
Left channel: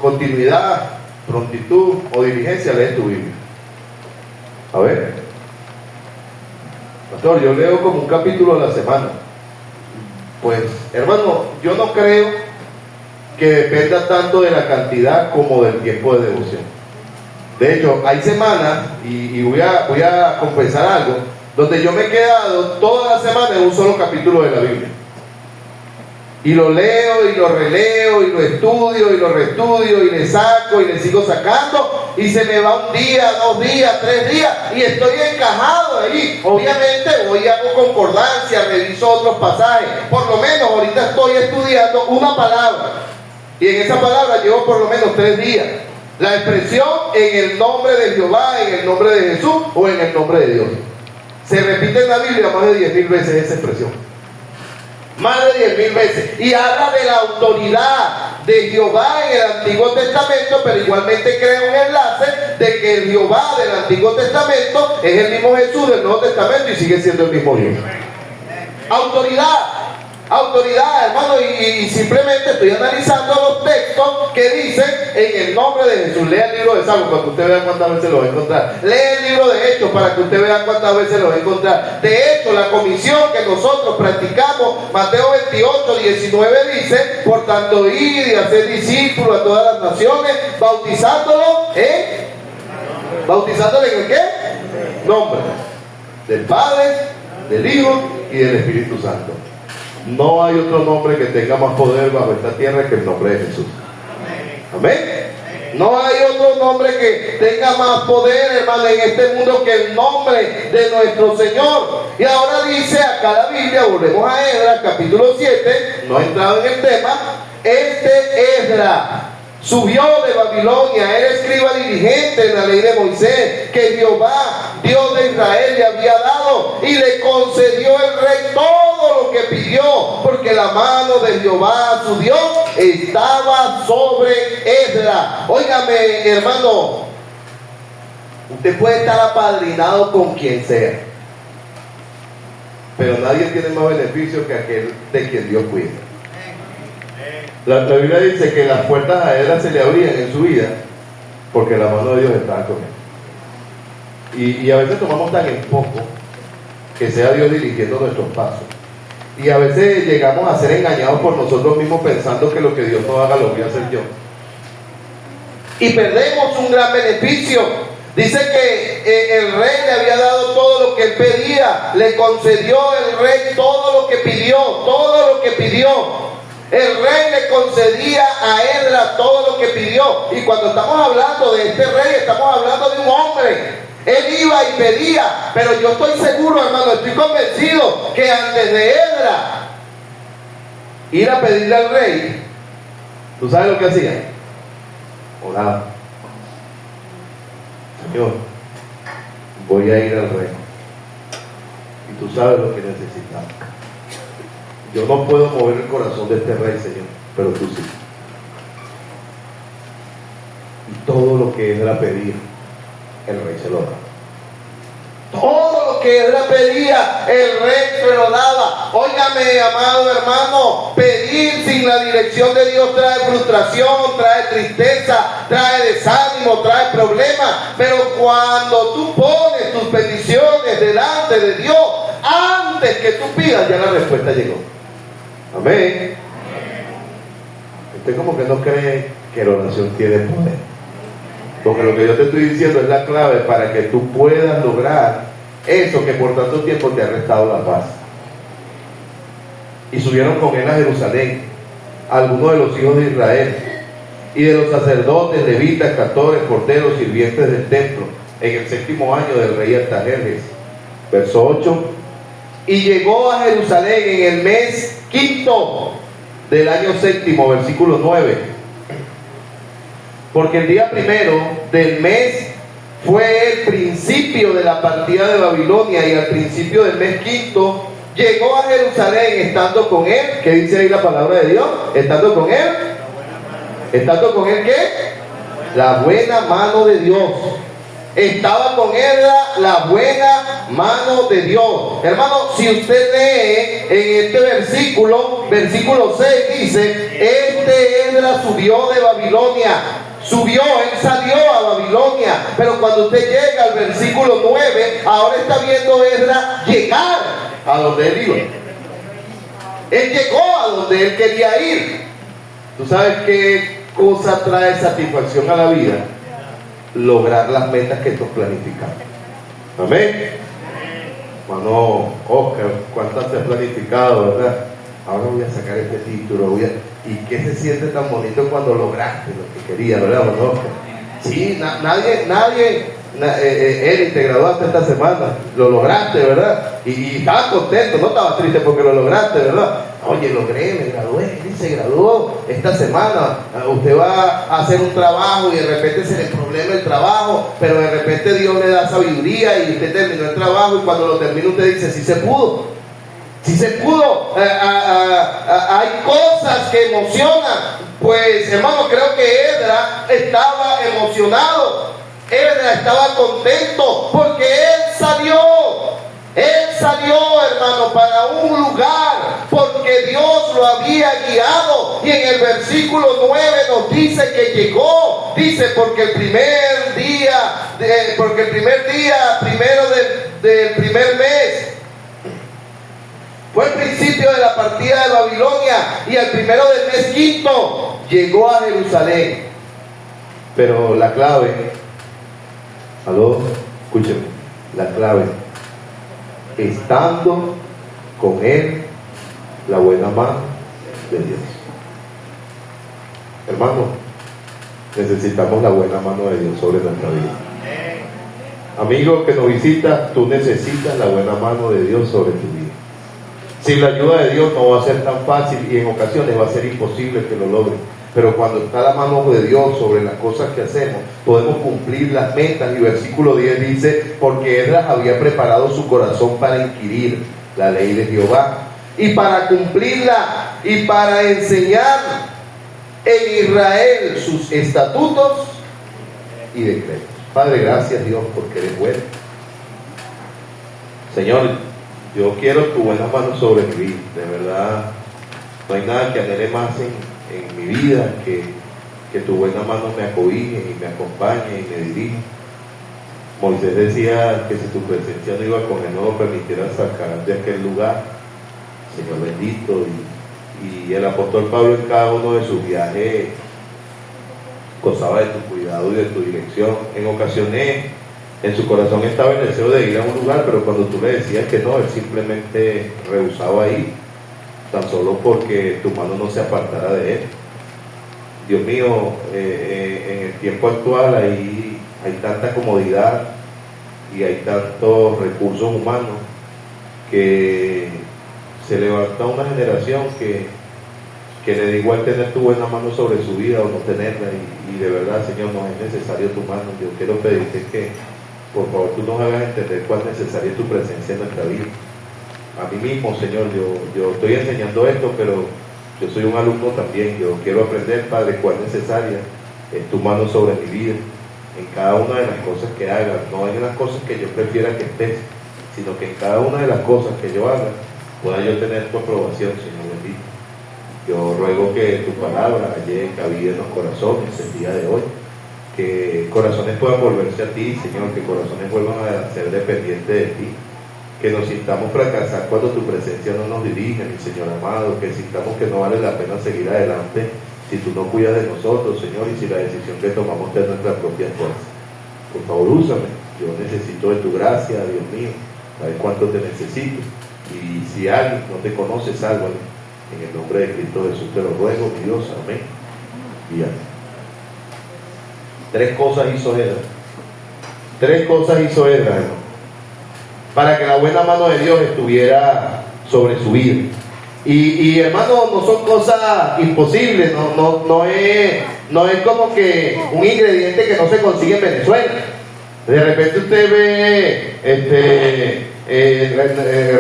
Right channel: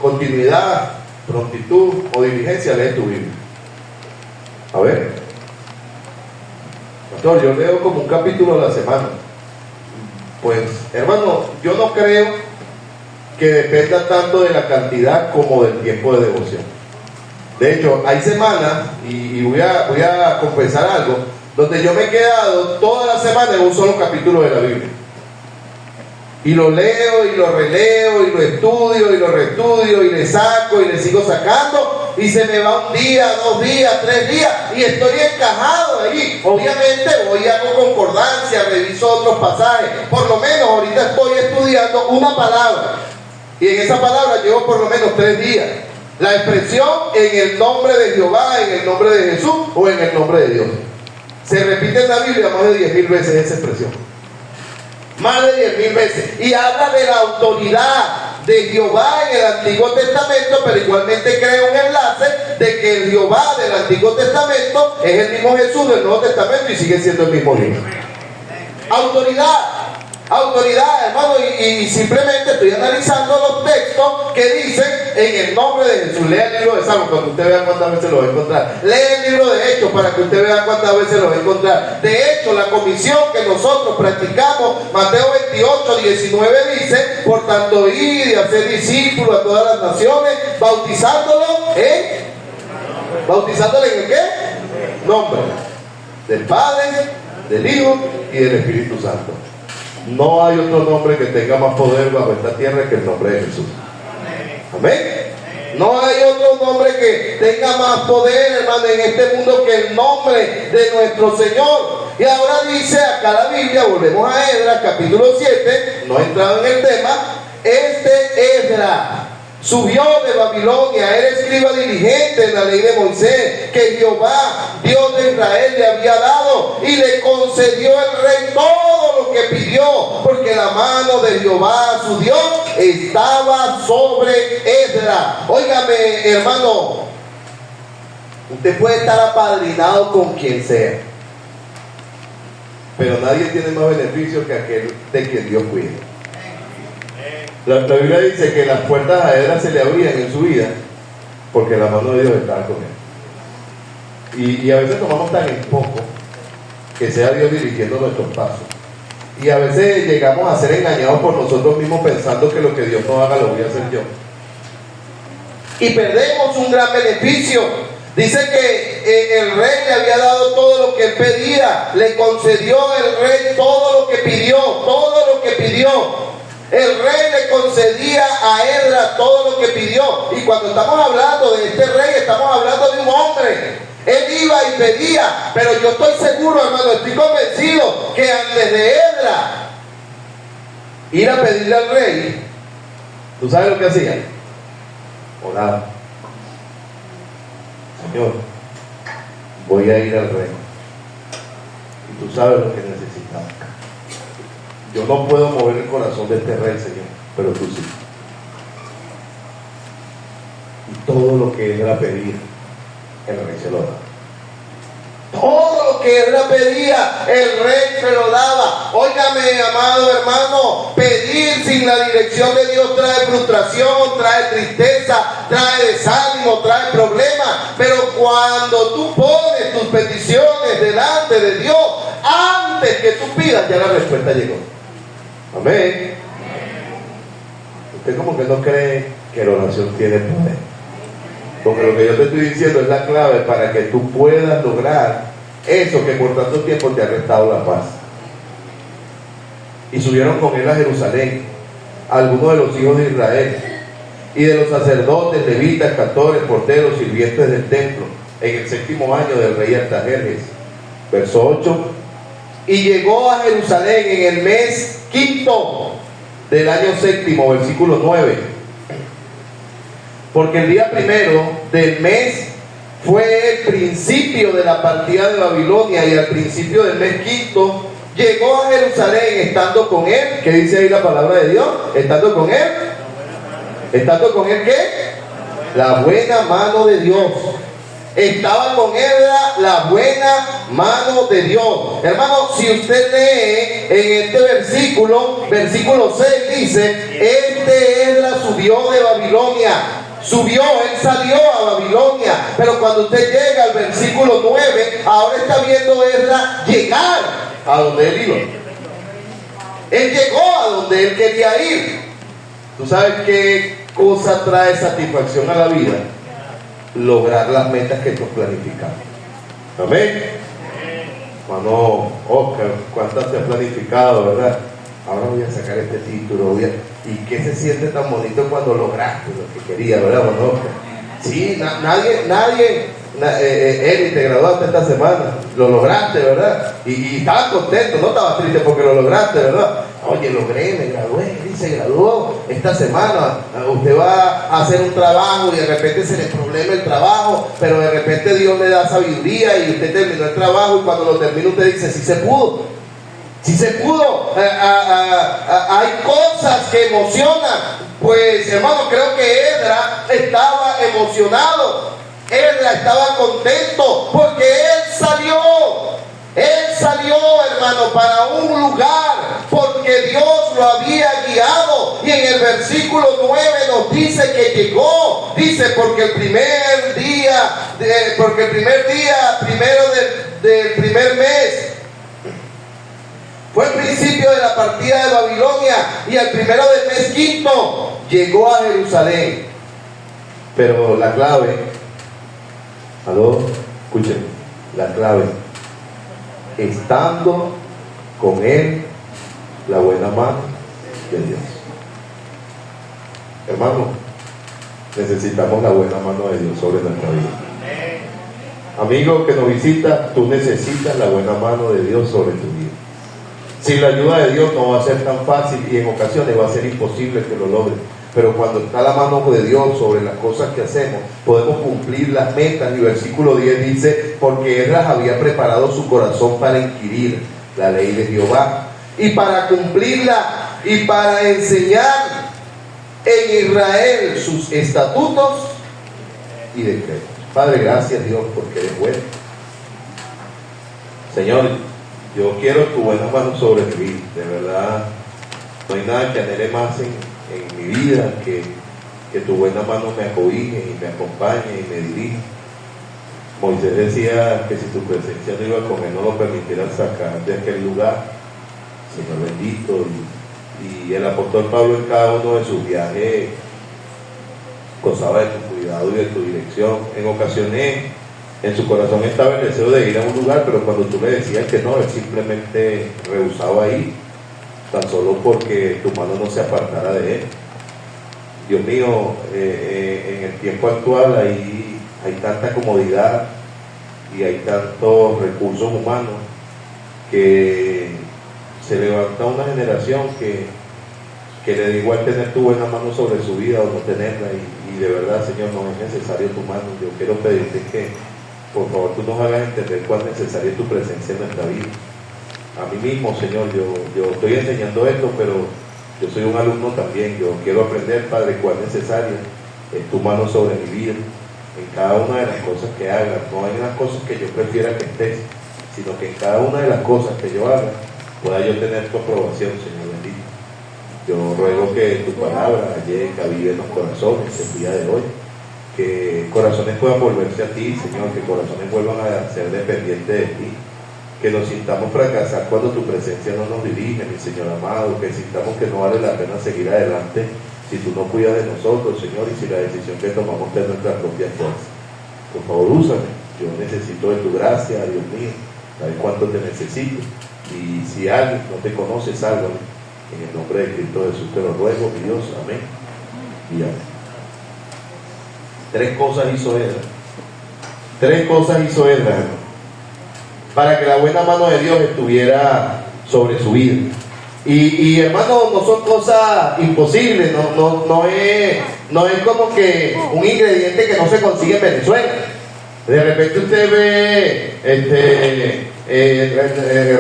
continuidad, prontitud o diligencia lees tu Biblia? A ver. Pastor, yo leo como un capítulo a la semana. Pues, hermano, yo no creo que dependa tanto de la cantidad como del tiempo de devoción. De hecho, hay semanas, y voy a confesar algo, donde yo me he quedado toda la semana en un solo capítulo de la Biblia. Y lo leo, y lo releo, y lo estudio, y lo reestudio, y le saco, y le sigo sacando, y se me va 1 día, 2 días, 3 días, y estoy encajado ahí. Obviamente voy a hago concordancia, reviso otros pasajes. Por lo menos ahorita estoy estudiando una palabra, y en esa palabra llevo por lo menos 3 días. La expresión en el nombre de Jehová, en el nombre de Jesús o en el nombre de Dios. Se repite en la Biblia más de 10.000 veces esa expresión. Más de 10.000 veces. Y habla de la autoridad de Jehová en el Antiguo Testamento, pero igualmente crea un enlace de que el Jehová del Antiguo Testamento es el mismo Jesús del Nuevo Testamento y sigue siendo el mismo Dios. Autoridad, hermano, y simplemente estoy analizando los textos que dicen en el nombre de Jesús. Lea el libro de Salmos para que usted vea cuántas veces lo va a encontrar. Lea el libro de Hechos para que usted vea cuántas veces lo va a encontrar. De hecho, la comisión que nosotros practicamos, Mateo 28, 19 dice: por tanto, id y haced discípulos a todas las naciones, bautizándolos en el ¿qué? Nombre del Padre, del Hijo y del Espíritu Santo. No hay otro nombre que tenga más poder bajo esta tierra que el nombre de Jesús. Amén. No hay otro nombre que tenga más poder, hermano, en este mundo que el nombre de nuestro Señor. Y ahora dice acá la Biblia, volvemos a Esdras, capítulo 7, no he entrado en el tema. Esdras subió de Babilonia, era escriba diligente en la ley de Moisés, que Jehová, Dios de Israel, le había dado, y le concedió el rey todo lo que pidió, porque la mano de Jehová, su Dios, estaba sobre Esdras. Óigame, hermano, usted puede estar apadrinado con quien sea, pero nadie tiene más beneficio que aquel de quien Dios cuida. La Biblia dice que las puertas a Esdras se le abrían en su vida porque la mano de Dios estaba con él. Y a veces tomamos tan en poco que sea Dios dirigiendo nuestros pasos. Y a veces llegamos a ser engañados por nosotros mismos pensando que lo que Dios no haga lo voy a hacer yo. Y perdemos un gran beneficio. Dice que el rey le había dado todo lo que él pedía. Le concedió el rey todo lo que pidió. el rey le concedía a Esdras todo lo que pidió. Y cuando estamos hablando de este rey, estamos hablando de un hombre. Él iba y pedía, pero yo estoy seguro, hermano, estoy convencido que antes de Esdras ir a pedirle al rey, ¿tú sabes lo que hacía? Oraba. Señor, voy a ir al rey. Y tú sabes lo que necesitamos. Yo no puedo mover el corazón de este rey, Señor, pero tú sí. Y todo lo que Esdras pedía, el rey se lo daba. Todo lo que Esdras pedía, el rey se lo daba. Óigame, amado hermano, pedir sin la dirección de Dios trae frustración, trae tristeza, trae desánimo, trae problemas. Pero cuando tú pones tus peticiones delante de Dios, antes que tú pidas, ya la respuesta llegó. Amén. Usted como que no cree que la oración tiene poder, porque lo que yo te estoy diciendo es la clave para que tú puedas lograr eso que por tanto tiempo te ha restado la paz. Y subieron con él a Jerusalén algunos de los hijos de Israel y de los sacerdotes, levitas, cantores, porteros, sirvientes del templo, en el 7º año del rey Artajerjes. Verso 8. Y llegó a Jerusalén en el mes 5º del año 7º, versículo 9. Porque el día 1 del mes fue el principio de la partida de Babilonia, y al principio del mes 5º llegó a Jerusalén estando con él. ¿Qué dice ahí la palabra de Dios? Estando con él. ¿Estando con él qué? La buena mano de Dios. Estaba con él la buena mano de Dios. Hermano, si usted lee en este versículo 6 dice: este Esdras subió de Babilonia. Subió, él salió a Babilonia. Pero cuando usted llega al versículo 9, ahora está viendo Esdras llegar a donde él iba. Él llegó a donde él quería ir. ¿Tú sabes qué cosa trae satisfacción a la vida? Lograr las metas que tú has planificado. Amén. Hermano Oscar, ¿cuántas te has planificado, verdad? Ahora voy a sacar este título, ¿y qué se siente tan bonito cuando lograste lo que querías, verdad, hermano Oscar? Sí, Eric, te graduaste esta semana, lo lograste, ¿verdad? Y estabas contento, no estabas triste porque lo lograste, ¿verdad? Oye, logré, me gradué, Eric se graduó esta semana. Usted va a hacer un trabajo y de repente se le problema el trabajo, pero de repente Dios le da sabiduría y usted terminó el trabajo, y cuando lo termina usted dice: sí se pudo. Sí se pudo. Hay cosas que emocionan. Pues, hermano, creo que Esdras estaba emocionado. Esdras estaba contento porque él salió. Él salió, hermano, para un lugar porque Dios lo había guiado. Y en el versículo 9 nos dice que llegó. Dice: porque el primer día, primero del primer mes, fue el principio de la partida de Babilonia, y el 1 del mes 5 llegó a Jerusalén. Pero la clave, escúchenme, la clave: estando con él la buena mano de Dios. Hermano, necesitamos la buena mano de Dios sobre nuestra vida. Amigo que nos visita, tú necesitas la buena mano de Dios sobre tu vida. Sin la ayuda de Dios no va a ser tan fácil, y en ocasiones va a ser imposible que lo logres. Pero cuando está la mano de Dios sobre las cosas que hacemos, podemos cumplir las metas. Y versículo 10 dice: porque Esdras había preparado su corazón para inquirir la ley de Jehová, y para cumplirla, y para enseñar en Israel sus estatutos y decretos. Padre, gracias, Dios, porque eres bueno. Señor, yo quiero tu buena mano sobre mi vida. De verdad, no hay nada que anhele más en mi vida que tu buena mano me acobije y me acompañe y me dirija. Moisés decía que si tu presencia no iba con él, no lo permitiera sacar de aquel lugar. Señor bendito. Y el apóstol Pablo, en cada uno de sus viajes, gozaba de tu cuidado y de tu dirección. En ocasiones en su corazón estaba el deseo de ir a un lugar, pero cuando tú le decías que no, él simplemente rehusaba ir. tan solo porque tu mano no se apartara de él. Dios mío, en el tiempo actual hay tanta comodidad y hay tantos recursos humanos que se levanta una generación que le da igual tener tu buena mano sobre su vida o no tenerla, y de verdad, Señor, no es necesario tu mano. Yo quiero pedirte que por favor tú nos hagas entender cuán necesaria es tu presencia en nuestra vida. A mí mismo, Señor, yo estoy enseñando esto, pero yo soy un alumno también. Yo quiero aprender, Padre, cuán necesaria es tu mano sobre mi vida, en cada una de las cosas que haga. No hay unas cosas que yo prefiera que estés, sino que en cada una de las cosas que yo haga pueda yo tener tu aprobación, Señor bendito. Yo ruego que tu palabra llegue cabida en los corazones el día de hoy, que corazones puedan volverse a ti, Señor, que corazones vuelvan a ser dependientes de ti, que nos sintamos fracasar cuando tu presencia no nos dirige, mi Señor amado, que sintamos que no vale la pena seguir adelante si tú no cuidas de nosotros, Señor, y si la decisión que tomamos es nuestra propia fuerza. Por favor, úsame. Yo necesito de tu gracia, Dios mío. Sabes cuánto te necesito. Y si alguien no te conoce, sálvame. En el nombre de Cristo Jesús te lo ruego, mi Dios. Amén. Y amén. 3 cosas hizo Esdras. 3 cosas hizo Esdras, hermano, para que la buena mano de Dios estuviera sobre su vida. Y hermano, no son cosas imposibles, no es como que un ingrediente que no se consigue en Venezuela. De repente usted ve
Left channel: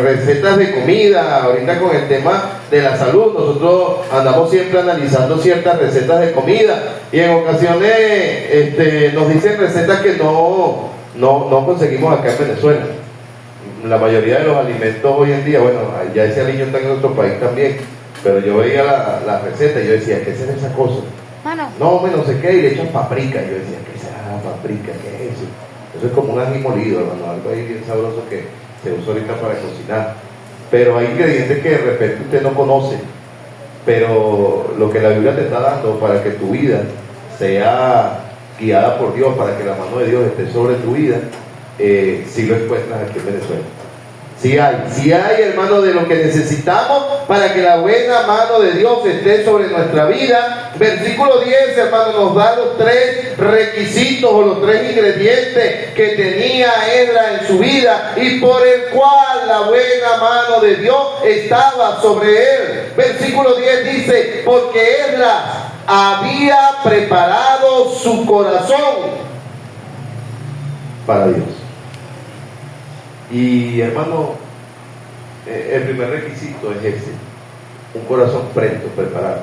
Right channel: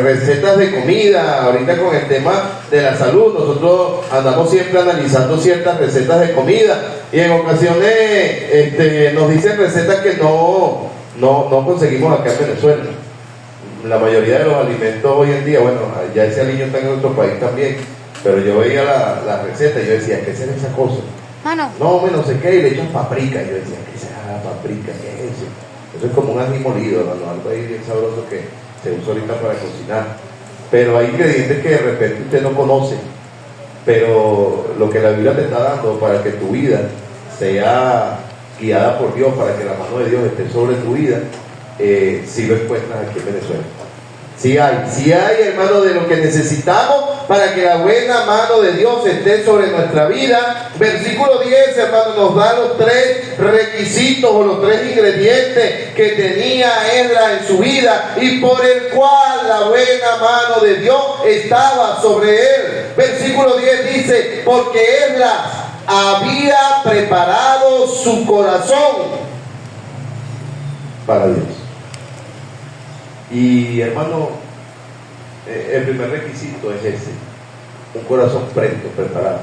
recetas de comida. Ahorita con el tema de la salud, nosotros andamos siempre analizando ciertas recetas de comida, y en ocasiones nos dicen recetas que no conseguimos acá en Venezuela. La mayoría de los alimentos hoy en día, bueno, ya ese aliño está en otro país también, pero yo veía la receta y yo decía, ¿qué será esa cosa? No, no sé qué, y le echan paprika. Y yo decía, ¿qué será paprika? ¿Qué es eso? Eso es como un ají molido, hermano, algo ahí bien sabroso que se usa ahorita para cocinar. Pero hay ingredientes que de repente usted no conoce, pero lo que la Biblia te está dando para que tu vida sea guiada por Dios, para que la mano de Dios esté sobre tu vida, si lo encuentras aquí en Venezuela. Si hay, hermano, de lo que necesitamos para que la buena mano de Dios esté sobre nuestra vida. Versículo 10, hermano, nos da los 3 requisitos o los 3 ingredientes que tenía Esdras en su vida y por el cual la buena mano de Dios estaba sobre él. Versículo 10 dice, porque Esdras había preparado su corazón para Dios. Y hermano, el primer requisito es ese, un corazón presto, preparado.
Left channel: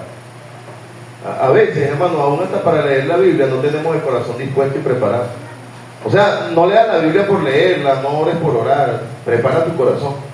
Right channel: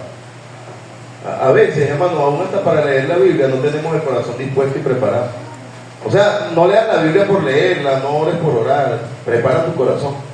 A veces, hermano, aún hasta para leer la Biblia no tenemos el corazón dispuesto y preparado. O sea, no leas la Biblia por leerla, no ores por orar, prepara tu corazón.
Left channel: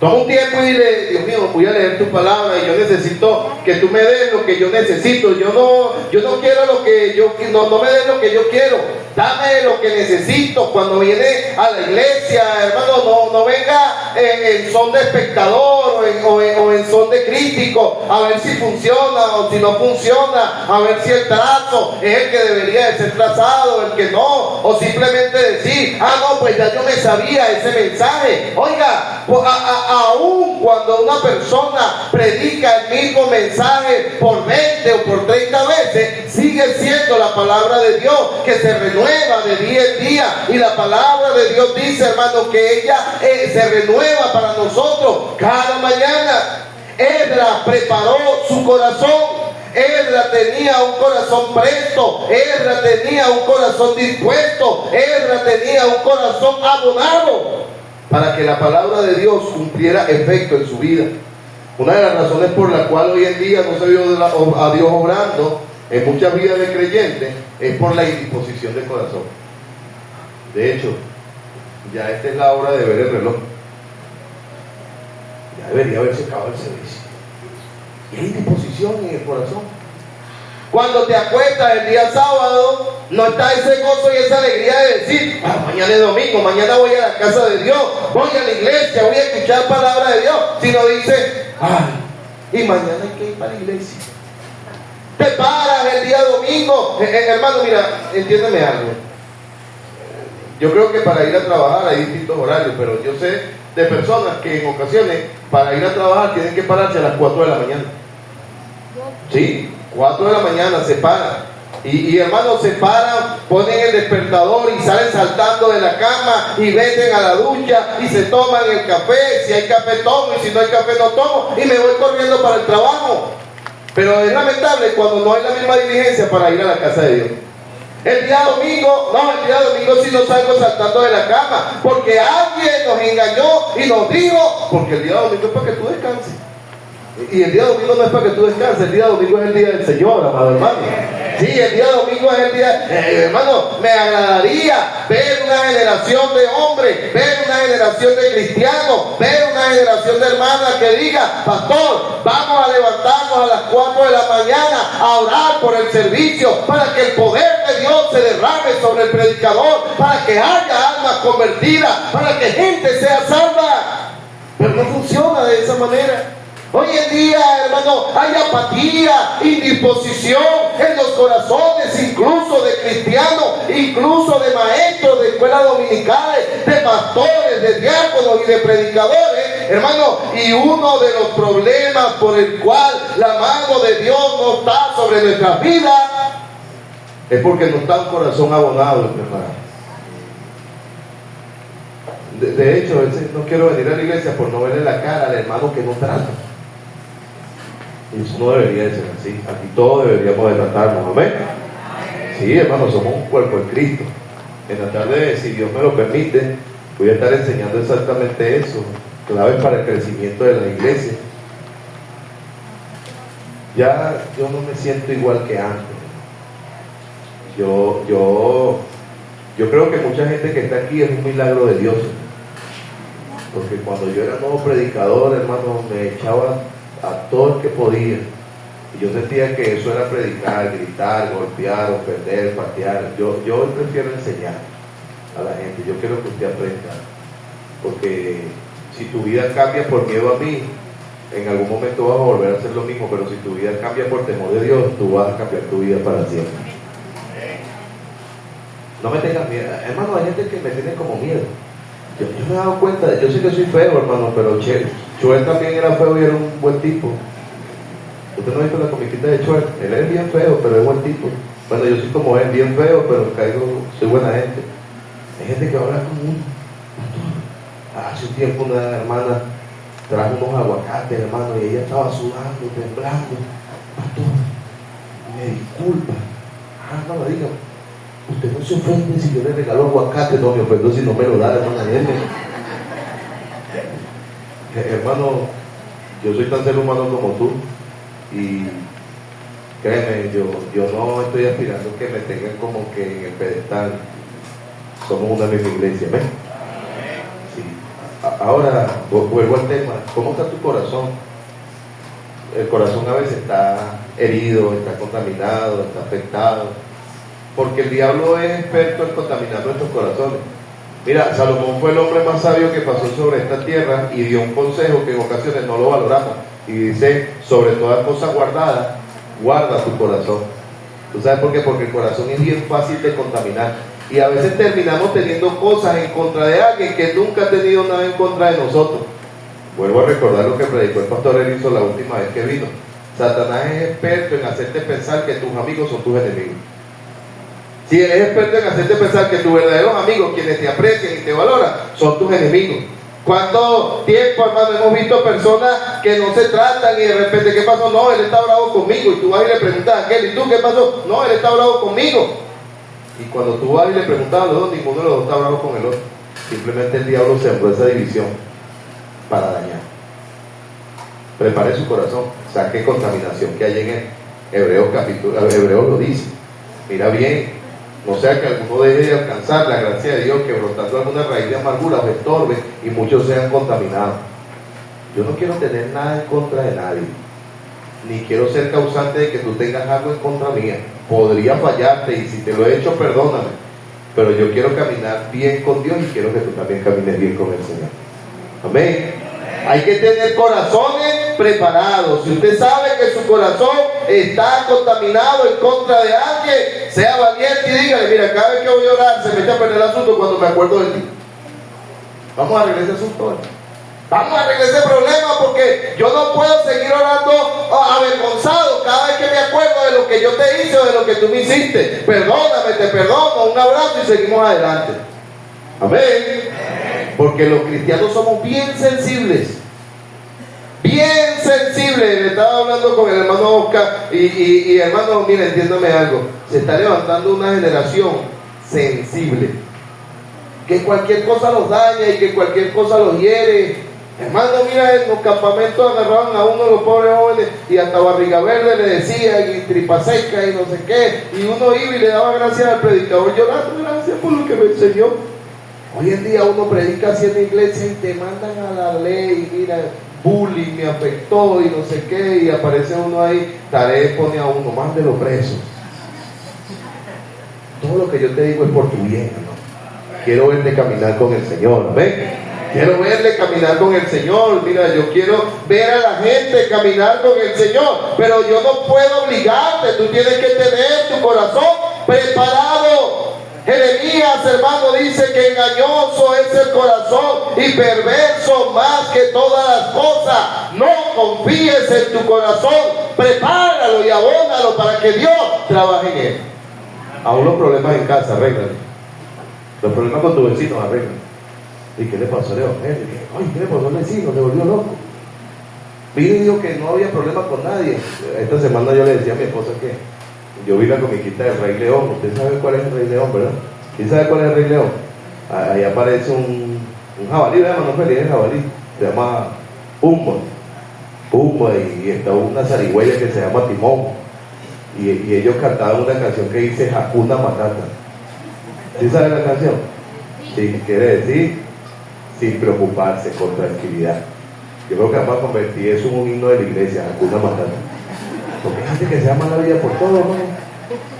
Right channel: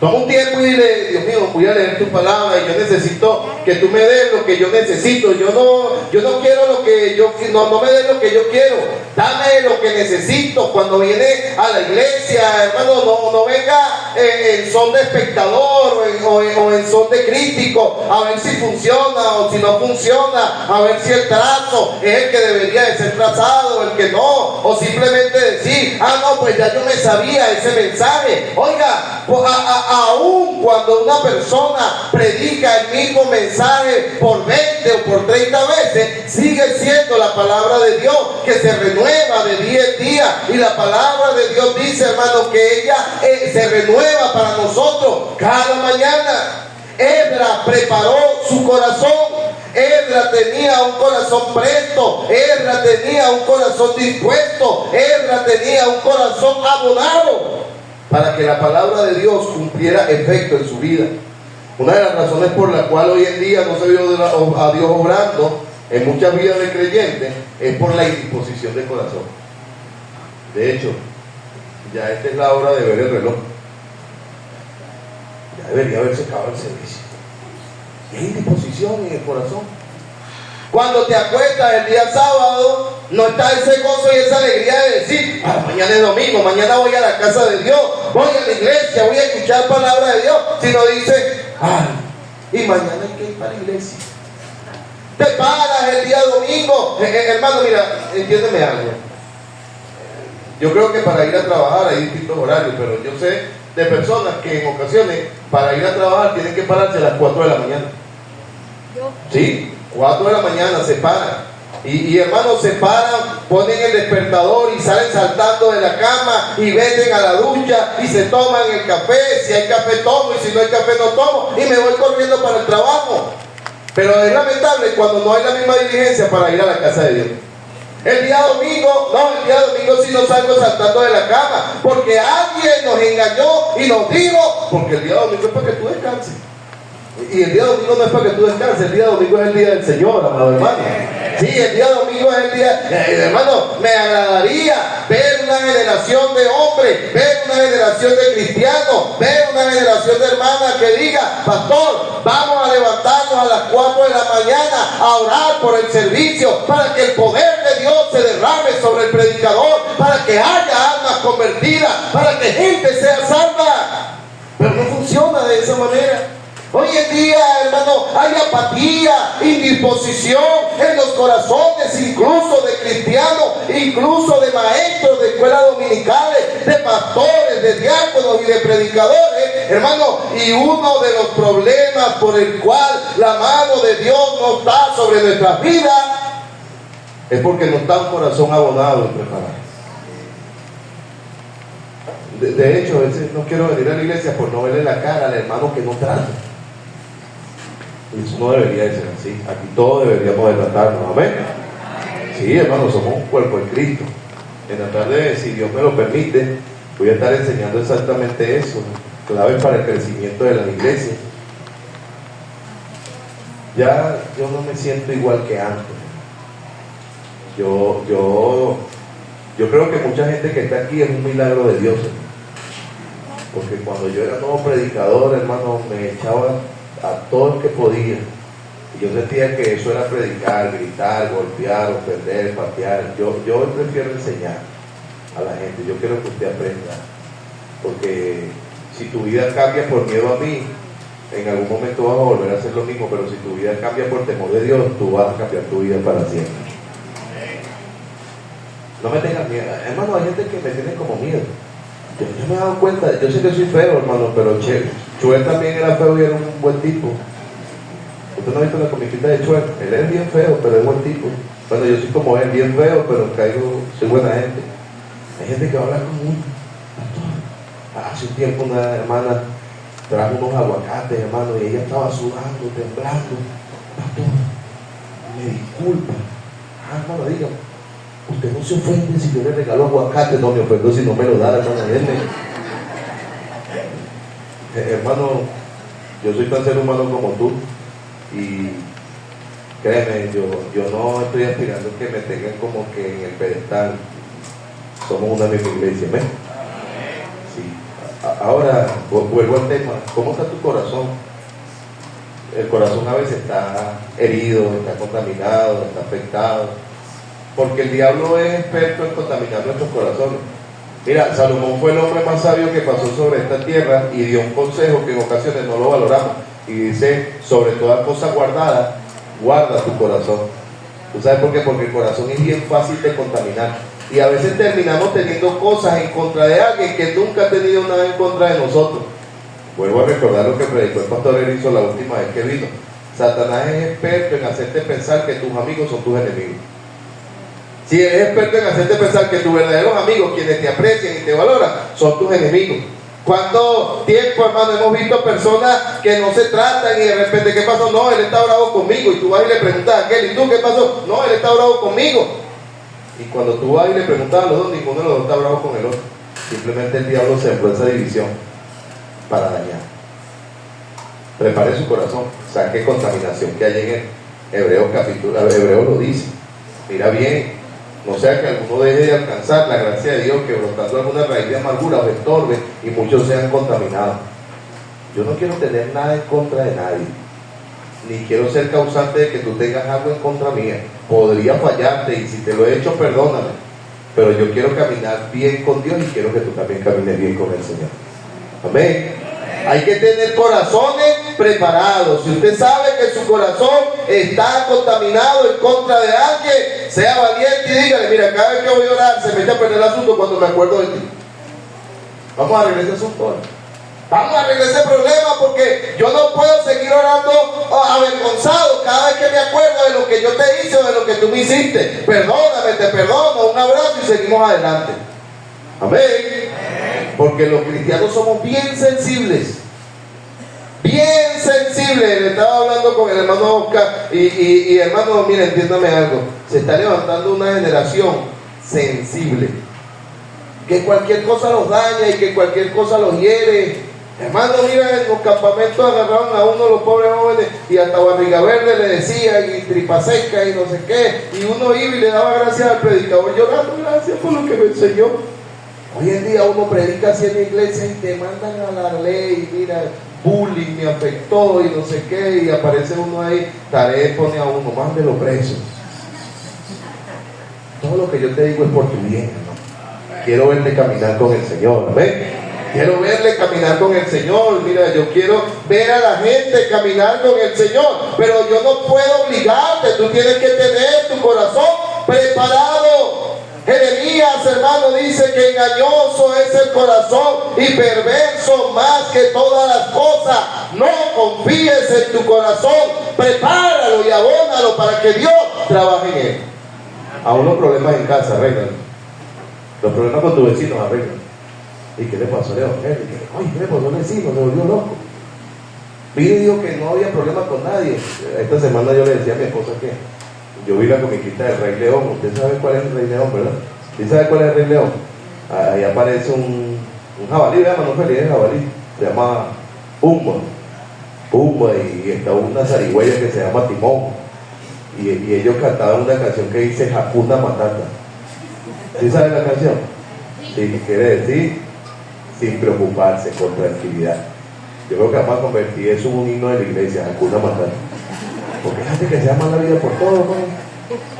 Toma un tiempo y dile, Dios mío, voy a leer tu palabra y yo necesito que tú me des lo que yo necesito. Yo no quiero lo que yo, no me des lo que yo quiero. Dame lo que necesito. Cuando viene a la iglesia, hermano, no venga en son de espectador o en son de crítico, a ver si funciona o si no funciona, a ver si el trazo es el que debería de ser trazado, el que no, o simplemente decir, no, pues ya yo me sabía ese mensaje. Oiga, aún cuando una persona predica el mismo mensaje por 20 o por 30 veces, sigue siendo la palabra de Dios que se renueva de día en día. Y la palabra de Dios dice, hermano, que ella se renueva para nosotros cada mañana. Esdras preparó su corazón. Esdras tenía un corazón presto, Esdras tenía un corazón dispuesto, Esdras tenía un corazón abonado para que la palabra de Dios cumpliera efecto en su vida. Una de las razones por la cual hoy en día no se vio a Dios obrando en muchas vidas de creyentes es por la indisposición del corazón. De hecho, ya esta es la hora de ver el reloj. Ya debería haberse acabado el servicio. Y hay indisposición en el corazón. Cuando te acuestas el día sábado, no está ese gozo y esa alegría de decir, mañana es domingo, mañana voy a la casa de Dios, voy a la iglesia, voy a escuchar palabra de Dios. Sino dice, y mañana hay que ir para la iglesia. Te paras el día domingo. Hermano, mira, entiéndeme algo. Yo creo que para ir a trabajar hay distintos horarios, pero yo sé de personas que en ocasiones para ir a trabajar tienen que pararse a las 4 de la mañana. Sí, 4 de la mañana se paran. Y hermanos, se paran, ponen el despertador y salen saltando de la cama y venden a la ducha y se toman el café. Si hay café tomo y si no hay café no tomo y me voy corriendo para el trabajo. Pero es lamentable cuando no hay la misma diligencia para ir a la casa de Dios. El día domingo sí no salgo saltando de la cama porque alguien nos engañó y nos dijo, porque el día domingo es para que tú descanses. Y el día domingo no es para que tú descanses, el día domingo es el día del Señor, amado hermano. Sí, el día domingo es el día, hermano, me agradaría ver una generación de hombres, ver una generación de cristianos, ver una generación de hermanas que diga, pastor, vamos a levantarnos a las 4 de la mañana a orar por el servicio, para que el poder de Dios se derrame sobre el predicador, para que haya almas convertidas, para que gente sea salva. Pero no funciona de esa manera. Hoy en día, hermano, hay apatía, indisposición en los corazones, incluso de cristianos, incluso de maestros de escuelas dominicales, de pastores, de diáconos y de predicadores, hermano. Y uno de los problemas por el cual la mano de Dios no está sobre nuestras vidas es porque no está un corazón abonado y preparado. De hecho, no quiero venir a la iglesia por no verle la cara al hermano que no trata. Y eso no debería de ser así. Aquí todos deberíamos de tratarnos, ¿amén? Sí, hermanos, somos un cuerpo de Cristo. En la tarde, si Dios me lo permite, voy a estar enseñando exactamente eso, claves para el crecimiento de la iglesia. Ya yo no me siento igual que antes. Yo creo que mucha gente que está aquí es un milagro de Dios. Porque cuando yo era nuevo predicador, hermano, me echaba a todo el que podía. Y yo sentía que eso era predicar, gritar, golpear, ofender, patear. Yo prefiero enseñar a la gente. Yo quiero que usted aprenda. Porque si tu vida cambia por miedo a mí, en algún momento vas a volver a hacer lo mismo. Pero si tu vida cambia por temor de Dios, tú vas a cambiar tu vida para siempre. No me tengas miedo. Hermano, hay gente que me tiene como miedo. Yo me he dado cuenta, yo sé que soy feo, hermano, pero Chuel también era feo y era un buen tipo. Usted no ha visto la comiquita de Chuel, él es bien feo, pero es buen tipo. Bueno, yo soy como él, bien feo, pero soy buena gente. Hay gente que va a hablar conmigo. Hace un tiempo una hermana trajo unos aguacates, hermano, y ella estaba sudando, temblando. Pastor, me disculpa. Hermano, digo, usted no se ofende si yo le regalo aguacate. No me ofendo si no me lo da, hermano. Hermano, yo soy tan ser humano como tú. Y créeme, yo no estoy aspirando que me tengan como que en el pedestal. Somos una misma iglesia, ¿ves? Sí. Ahora, vuelvo al tema. ¿Cómo está tu corazón? El corazón a veces está herido, está contaminado, está afectado. Porque el diablo es experto en contaminar nuestros corazones. Mira, Salomón fue el hombre más sabio que pasó sobre esta tierra y dio un consejo que en ocasiones no lo valoramos. Y dice, sobre toda cosa guardada, guarda tu corazón. ¿Tú sabes por qué? Porque el corazón es bien fácil de contaminar. Y a veces terminamos teniendo cosas en contra de alguien que nunca ha tenido nada en contra de nosotros. Vuelvo a recordar lo que predicó el pastor Erickson la última vez que vino. Satanás es experto en hacerte pensar que tus amigos son tus enemigos. Si eres experto en hacerte pensar que tus verdaderos amigos, quienes te aprecian y te valoran, son tus enemigos. ¿Cuánto tiempo, hermano, hemos visto personas que no se tratan y de repente, ¿qué pasó? No, él está bravo conmigo. Y tú vas y le preguntas a aquel, ¿y tú qué pasó? No, él está bravo conmigo. Y cuando tú vas y le preguntas a los dos, ninguno de los dos está bravo con el otro. Simplemente el diablo sembró esa división para dañar. Prepare su corazón, saque contaminación que hay en él. Hebreos lo dice. Mira bien. No sea que alguno deje de alcanzar la gracia de Dios, que brotando alguna raíz de amargura os estorbe y muchos sean contaminados. Yo no quiero tener nada en contra de nadie, ni quiero ser causante de que tú tengas algo en contra mía. Podría fallarte y si te lo he hecho, perdóname. Pero yo quiero caminar bien con Dios y quiero que tú también camines bien con el Señor. Amén. Hay que tener corazones preparados. Si usted sabe que su corazón está contaminado en contra de alguien, sea valiente y dígale, mira, cada vez que voy a orar se me echa a perder el asunto cuando me acuerdo de ti. Vamos a arreglar ese asunto. Vamos a arreglar ese problema porque yo no puedo seguir orando avergonzado cada vez que me acuerdo de lo que yo te hice o de lo que tú me hiciste. Perdóname, te perdono, un abrazo y seguimos adelante. Amén. Porque los cristianos somos bien sensibles. Bien sensibles. Le estaba hablando con el hermano Oscar y hermano, mira, entiéndame algo. Se está levantando una generación sensible. Que cualquier cosa los daña y que cualquier cosa los hiere. Hermano, mira, en los campamentos agarraban a uno de los pobres jóvenes y hasta barriga verde le decían y tripa seca y no sé qué. Y uno iba y le daba gracias al predicador llorando, gracias por lo que me enseñó. Hoy en día uno predica así en la iglesia y te mandan a la ley, mira, bullying me afectó y no sé qué, y aparece uno ahí, Taré pone a uno, mándelo preso. Todo lo que yo te digo es por tu bien, ¿no? Quiero verte caminar con el Señor, ¿ves? Quiero verle caminar con el Señor. Mira, yo quiero ver a la gente caminar con el Señor, pero yo no puedo obligarte. Tú tienes que tener tu corazón preparado. Jeremías, hermano, dice que engañoso es el corazón y perverso más que todas las cosas. No confíes en tu corazón, prepáralo y abónalo para que Dios trabaje en él. Aún los problemas en casa, arréglalo. Los problemas con tu vecino, arréglalo. ¿Y qué le pasó al evangelio? Ay, ¿qué le pasó al vecino? Se volvió loco. Vino y dijo que no había problema con nadie. Esta semana yo le decía a mi esposa que yo vi la comiquita del Rey León. Usted sabe cuál es el Rey León, ¿verdad? ¿Usted sabe cuál es el Rey León? Ahí aparece un jabalí, ¿verdad? No feliz el jabalí. Se llama Pumba. Y está una zarigüeya que se llama Timón. Y ellos cantaban una canción que dice Hakuna Matata. ¿Sí sabe la canción? Sí, quiere decir sin preocuparse, con tranquilidad. Yo creo que vamos a convertir eso en un himno de la iglesia, Hakuna Matata. Porque hay gente que se llama la vida por todo, ¿no?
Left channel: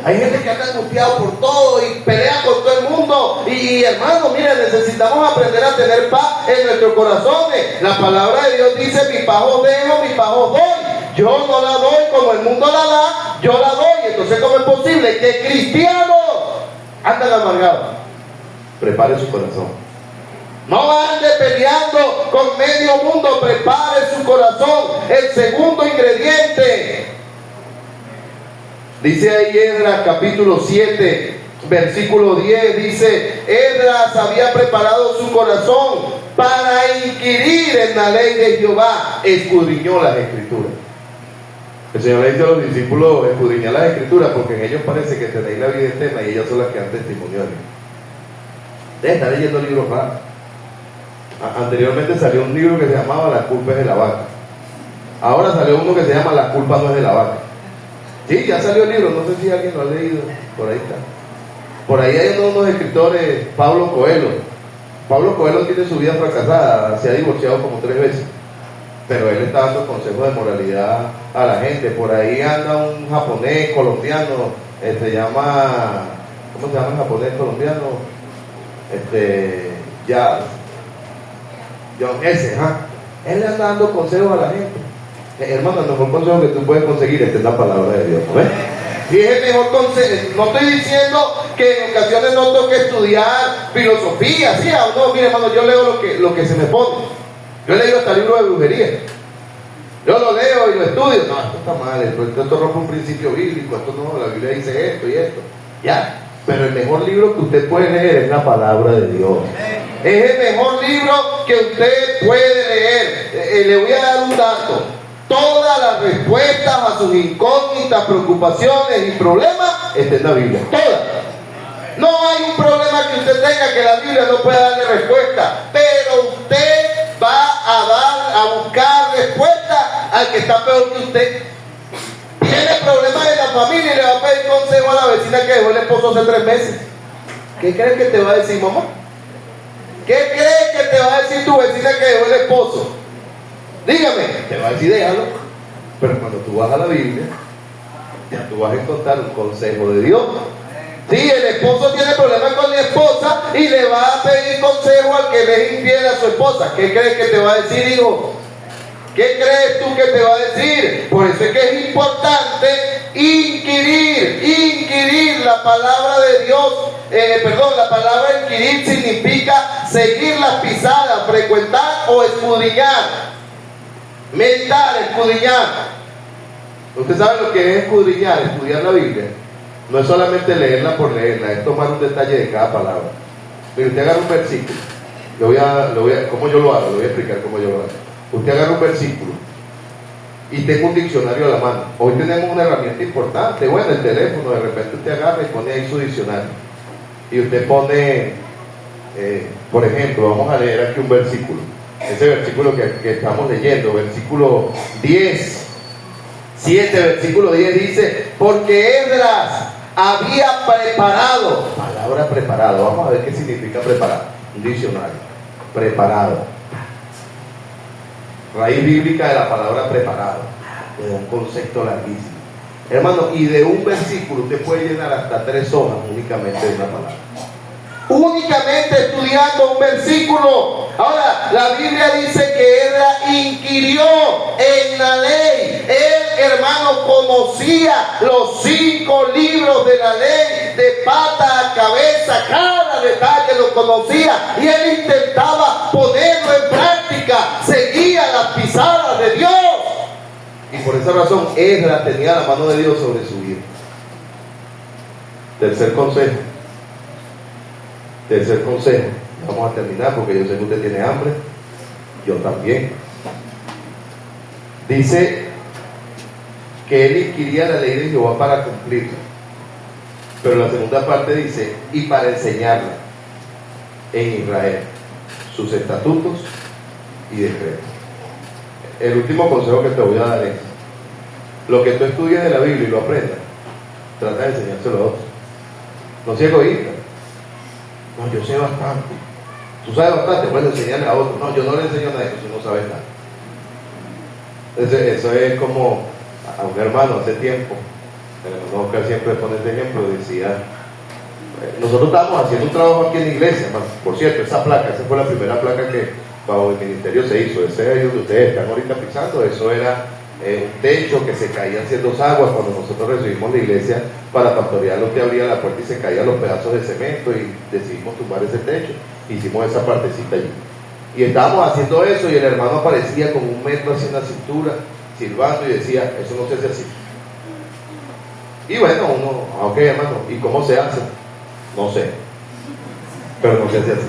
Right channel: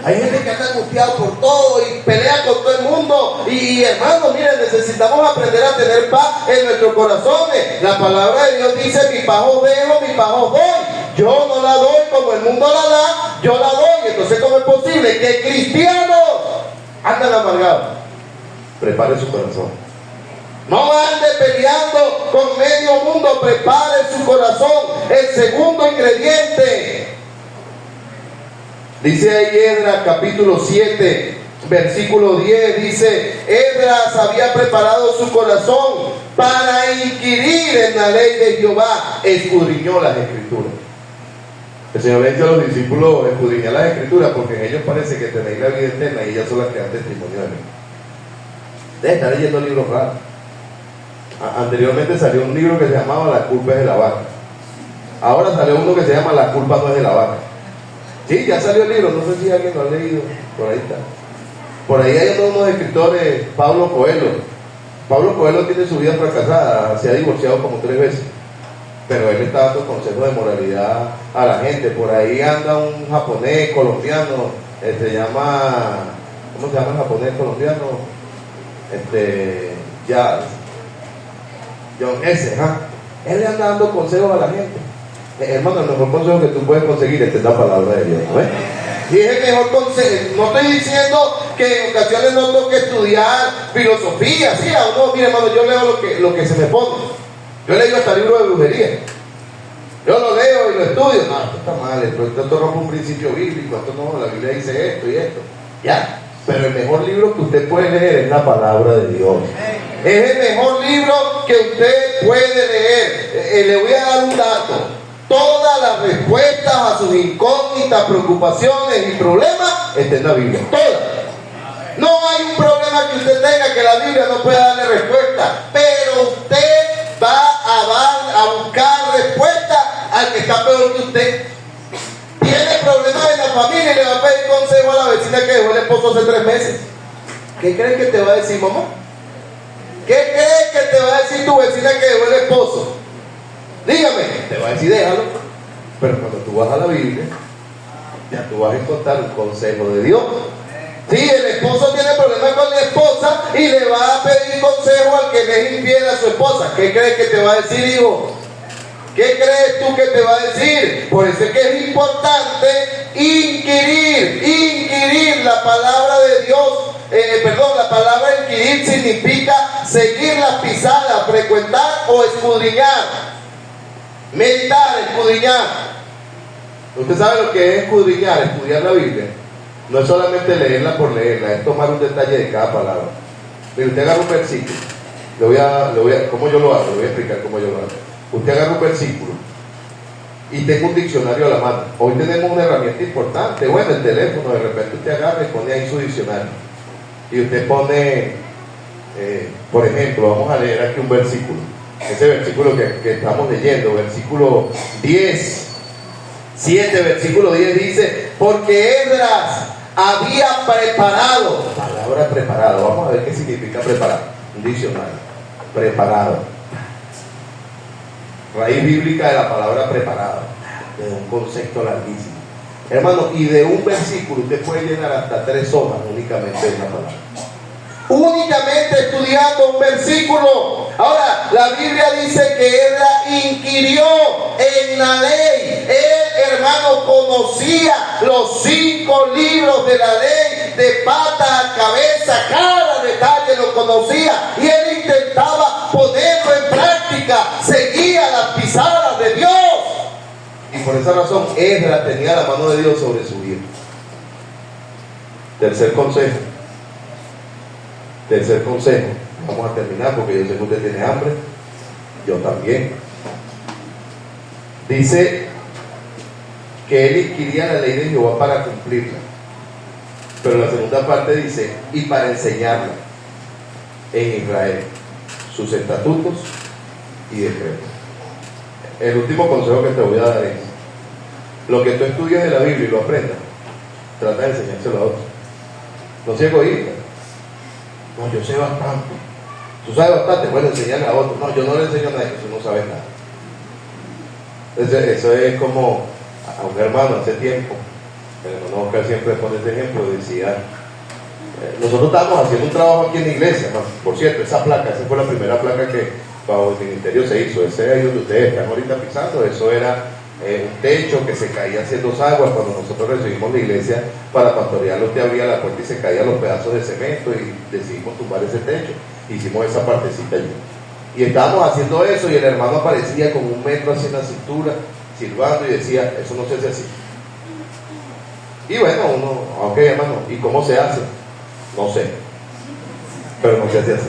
Hay gente que anda angustiado por todo y pelea con todo el mundo. Y hermano, miren, necesitamos aprender a tener paz en nuestros corazones. La palabra de Dios dice: mi paz os dejo, mi paz os doy. Yo no la doy como el mundo la da, yo la doy. Entonces, ¿cómo es posible que cristianos anden amargados? Prepare su corazón. No ande peleando con medio mundo, prepare su corazón. El segundo ingrediente, dice ahí Esdras capítulo 7, versículo 10, dice: Esdras había preparado su corazón para inquirir en la ley de Jehová, escudriñó las escrituras. El Señor le dice a los discípulos: escudriñad las escrituras, porque en ellos parece que tenéis la vida eterna y ellas son las que dan testimonio de mí. Deja de estar leyendo libros raros. Anteriormente salió un libro que se llamaba La culpa es de la vaca. Ahora salió uno que se llama La culpa no es de la vaca. Sí, ya salió el libro, no sé si alguien lo ha leído. Por ahí está. Por ahí hay unos escritores, Pablo Coelho. Pablo Coelho tiene su vida fracasada, se ha divorciado como 3 veces. Pero él está dando consejos de moralidad a la gente. Por ahí anda un japonés colombiano, ¿cómo se llama el japonés colombiano? John S. Él le anda dando consejos a la gente. Hermano, el mejor consejo que tú puedes conseguir es la palabra de Dios, ¿ves? Y es el mejor consejo. No estoy diciendo que en ocasiones no tengo que estudiar filosofía, ¿sí? No, mire, hermano, yo leo lo que se me pone. Yo leo hasta libros de brujería. Yo lo leo y lo estudio. No, esto está mal, esto rompe un principio bíblico, esto no, la Biblia dice esto y esto. Ya. Pero el mejor libro que usted puede leer es la palabra de Dios. Es el mejor libro que usted puede leer. Le voy a dar un dato. Todas las respuestas a sus incógnitas, preocupaciones y problemas están en la Biblia. Todas. No hay un problema que usted tenga que la Biblia no pueda darle respuesta. Pero usted va a buscar respuesta al que está peor que usted. Tiene problemas en la familia y le va a pedir consejo a la vecina que dejó el esposo hace 3 meses. ¿Qué crees que te va a decir, mamá? ¿Qué crees que te va a decir tu vecina que dejó el esposo? Dígame, te va a decir déjalo. Pero cuando tú vas a la Biblia, ya tú vas a encontrar un consejo de Dios. Sí, el esposo tiene problemas con la esposa y le va a pedir consejo al que le es infiel a su esposa. ¿Qué crees que te va a decir, hijo? ¿Qué crees tú que te va a decir? Por eso es que es importante inquirir la palabra de Dios. La palabra inquirir significa seguir las pisadas, frecuentar o escudriñar escudriñar, meditar, escudriñar. Usted sabe lo que es escudriñar, estudiar la Biblia. No es solamente leerla por leerla, es tomar un detalle de cada palabra. Mire, usted agarra un versículo. ¿Cómo yo lo hago? Le voy a explicar cómo yo lo hago. Usted agarra un versículo y tengo un diccionario a la mano. Hoy tenemos una herramienta importante, bueno, el teléfono, de repente usted agarra y pone ahí su diccionario. Y usted pone, por ejemplo, vamos a leer aquí un versículo. Ese versículo que estamos leyendo, versículo 10. 7, versículo 10 dice, porque Esdras había preparado, palabra preparado, vamos a ver qué significa preparado, un diccionario, preparado, raíz bíblica de la palabra preparado, de un concepto larguísimo, hermano, y de un versículo usted puede llenar hasta 3 hojas únicamente de una palabra, únicamente estudiando un versículo. Ahora, la Biblia dice que Esdras inquirió en la ley. Él, hermano, conocía los 5 libros de la ley de pata a cabeza, cada detalle lo conocía y él intentaba ponerlo en práctica, seguía las pisadas de Dios. Y por esa razón Esdras tenía la mano de Dios sobre su vida. Tercer consejo, vamos a terminar porque yo sé que usted tiene hambre, yo también. Dice que él inquiría la ley de Jehová para cumplirla, pero la segunda parte dice, y para enseñarla en Israel, sus estatutos y decretos. El último consejo que te voy a dar es, lo que tú estudias de la Biblia y lo aprendas, trata de enseñárselo a otros. No seas egoísta. No, yo sé bastante. Tú sabes bastante, bueno, enseñarle a otro. No, yo no le enseño nada, que tú no sabes nada. Eso es como a un hermano hace tiempo, el hermano Oscar siempre pone este ejemplo, decía, nosotros estábamos haciendo un trabajo aquí en la iglesia, por cierto, esa fue la primera placa que bajo el ministerio se hizo, ese ahí donde ustedes están ahorita pisando, eso era un techo que se caía haciendo aguas. Cuando nosotros recibimos la iglesia para pastorearlo, usted abría la puerta y se caían los pedazos de cemento y decidimos tumbar ese techo, hicimos esa partecita allí y estábamos haciendo eso y el hermano aparecía con 1 metro así en la cintura silbando y decía, eso no se hace así. Y bueno, uno, ok hermano, ¿y cómo se hace? No sé, pero no se hace así.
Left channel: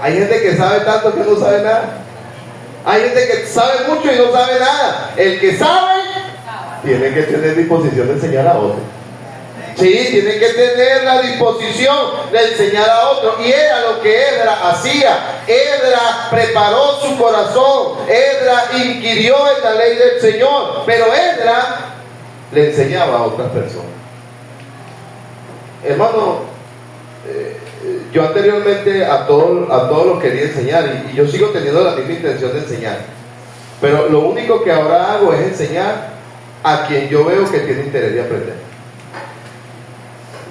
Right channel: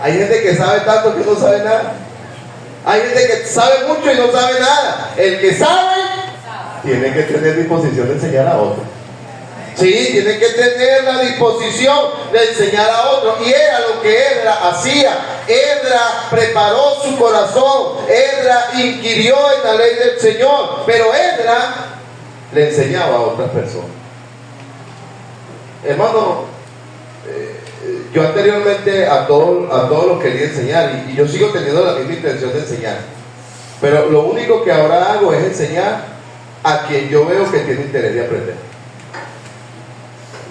Hay gente que sabe tanto que no sabe nada. Hay gente que sabe mucho y no sabe nada. El que sabe tiene que tener disposición de enseñar a otro. Sí, tiene que tener la disposición de enseñar a otro. Y era lo que Esdras hacía. Esdras preparó su corazón. Esdras inquirió en la ley del Señor. Pero Esdras le enseñaba a otras personas. Hermano, yo anteriormente a todos los quería enseñar y yo sigo teniendo la misma intención de enseñar, pero lo único que ahora hago es enseñar a quien yo veo que tiene interés de aprender.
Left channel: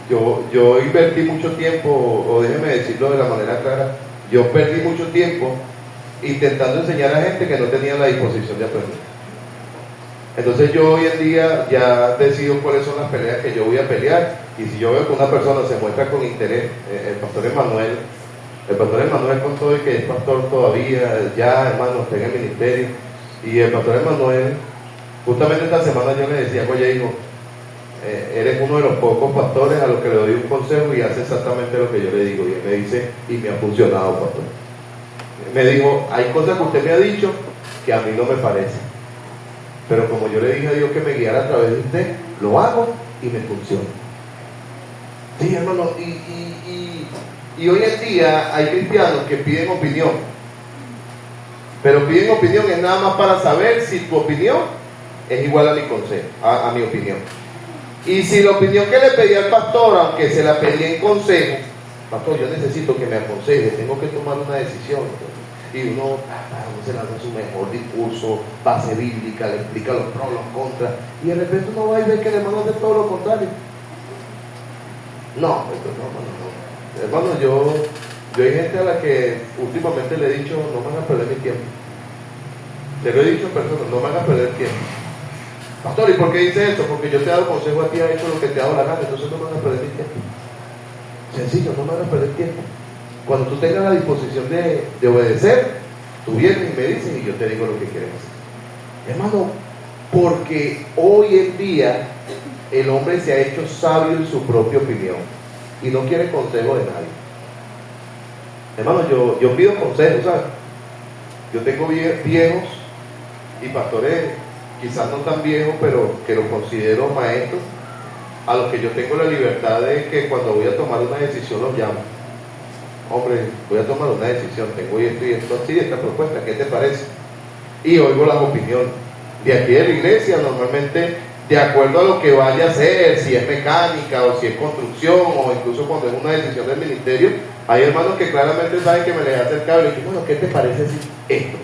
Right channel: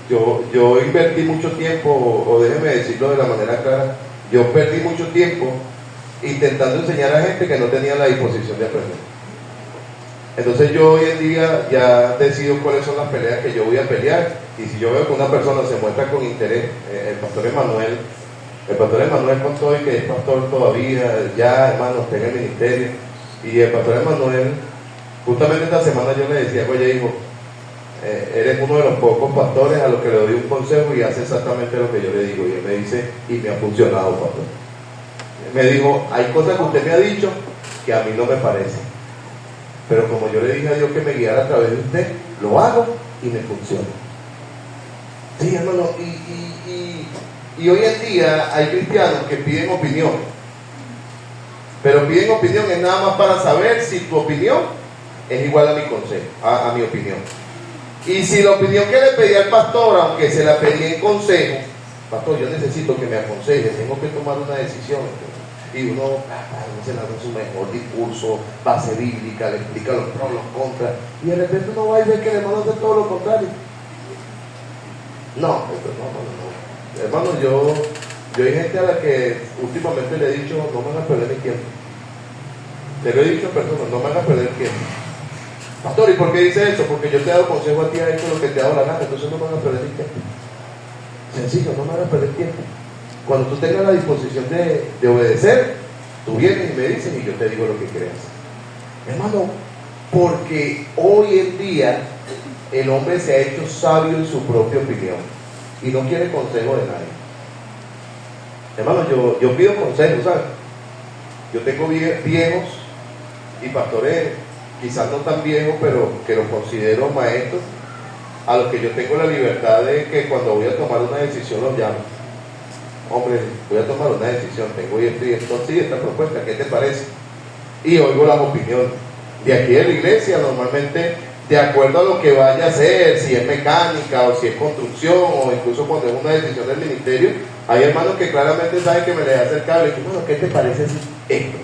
Yo invertí mucho tiempo, o déjeme decirlo de la manera clara, yo perdí mucho tiempo intentando enseñar a gente que no tenía la disposición de aprender. Entonces yo hoy en día ya decido cuáles son las peleas que yo voy a pelear, y si yo veo que una persona se muestra con interés, el pastor Emanuel con todo y que es pastor todavía, ya hermano, está en el ministerio, y el pastor Emanuel, justamente esta semana yo le decía, oye hijo, eres uno de los pocos pastores a los que le doy un consejo y hace exactamente lo que yo le digo, y él me dice, y me ha funcionado, pastor. Me dijo, hay cosas que usted me ha dicho que a mí no me parecen, pero como yo le dije a Dios que me guiara a través de usted, lo hago y me funciona. Sí, hermano, y hoy en día hay cristianos que piden opinión, pero piden opinión es nada más para saber si tu opinión es igual a mi consejo, a mi opinión. Y si la opinión que le pedí al pastor, aunque se la pedí en consejo, pastor, yo necesito que me aconseje, tengo que tomar una decisión. Y uno se lanza su mejor discurso, base bíblica, le explica los pros, los contras, y de repente uno va y ve que el hermano hace todo lo contrario. No. Hermano, yo hay gente a la que últimamente le he dicho, no me hagas perder mi tiempo. Te lo he dicho a personas, no me hagas perder el tiempo. Pastor, ¿y por qué dice eso? Porque yo te he dado consejo a ti, has hecho lo que te ha dado la gana, entonces no me hagas perder mi tiempo. Sencillo, no me hagas perder tiempo. Cuando tú tengas la disposición de obedecer, Tú vienes y me dices y yo te digo lo que quieres hacer. Hermano, porque hoy en día el hombre se ha hecho sabio en su propia opinión y no quiere consejo de nadie. Hermano, yo pido consejos, ¿sabes? Yo tengo viejos y pastores, quizás no tan viejos, pero que los considero maestros, a los que yo tengo la libertad de que cuando voy a tomar una decisión los llamo. Hombre, voy a tomar una decisión, tengo esto y esto así, esta propuesta, ¿qué te parece? Y oigo las opiniones. De aquí de la iglesia, normalmente, de acuerdo a lo que vaya a hacer, si es mecánica o si es construcción, o incluso cuando es una decisión del ministerio, hay hermanos que claramente saben que me les acercan y dicen, bueno, ¿qué te parece esto?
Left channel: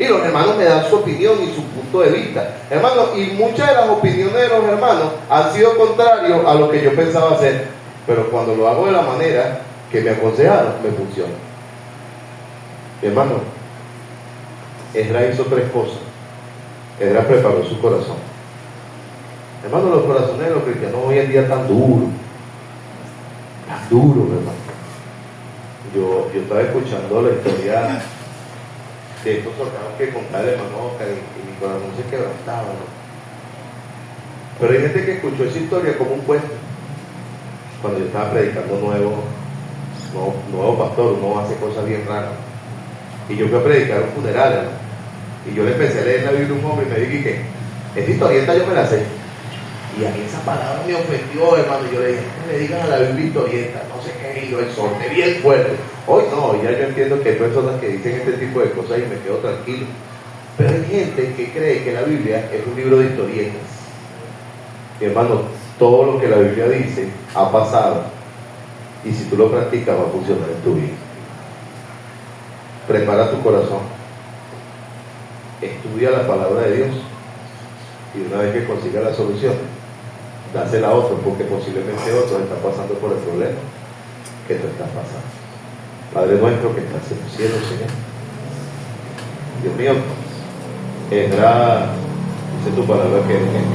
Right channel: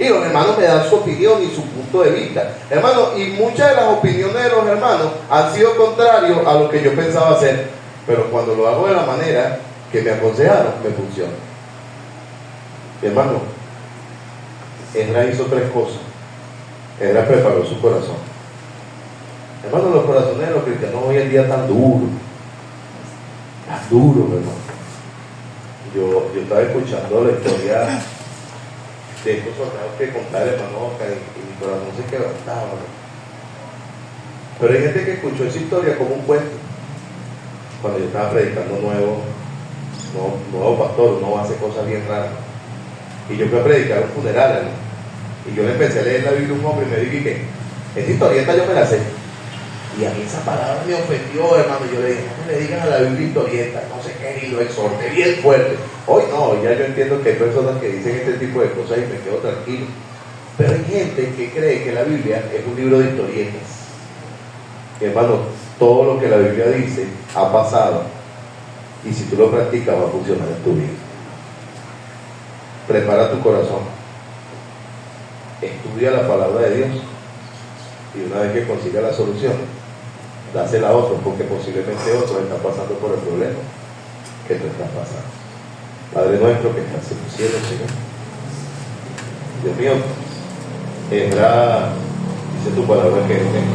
Y los hermanos me dan su opinión y su punto de vista. Hermanos, y muchas de las opiniones de los hermanos han sido contrarios a lo que yo pensaba hacer, pero cuando lo hago de la manera que me aconsejaron, me funciona. Hermano, Esdras hizo 3 cosas. Esdras preparó su corazón. Hermano, los corazones de los cristianos hoy en día tan duros, hermano. Yo estaba escuchando la historia de estos soldados que contaba el hermano Oscar y mi corazón se quebrantaba, ¿no? Pero hay gente que escuchó esa historia como un cuento. Cuando yo estaba predicando nuevo pastor, uno hace cosas bien raras. Y yo fui a predicar un funeral, ¿no? Y yo le empecé a leer la Biblia a un hombre y me dije que esa historieta yo me la sé. Y a mí esa palabra me ofendió, hermano. Y yo le dije, no le digas a la Biblia historieta, no sé qué, y lo exhorté bien fuerte. Hoy no, ya yo entiendo que hay personas que dicen este tipo de cosas y me quedo tranquilo. Pero hay gente que cree que la Biblia es un libro de historietas. Y hermano, todo lo que la Biblia dice ha pasado. Y si tú lo practicas va a funcionar en tu vida. Prepara tu corazón. Estudia la palabra de Dios. Y una vez que consiga la solución, dásela a otro, porque posiblemente otro está pasando por el problema que tú estás pasando. Padre nuestro que estás en los cielos, Señor. Dios mío, Esdras dice tu palabra que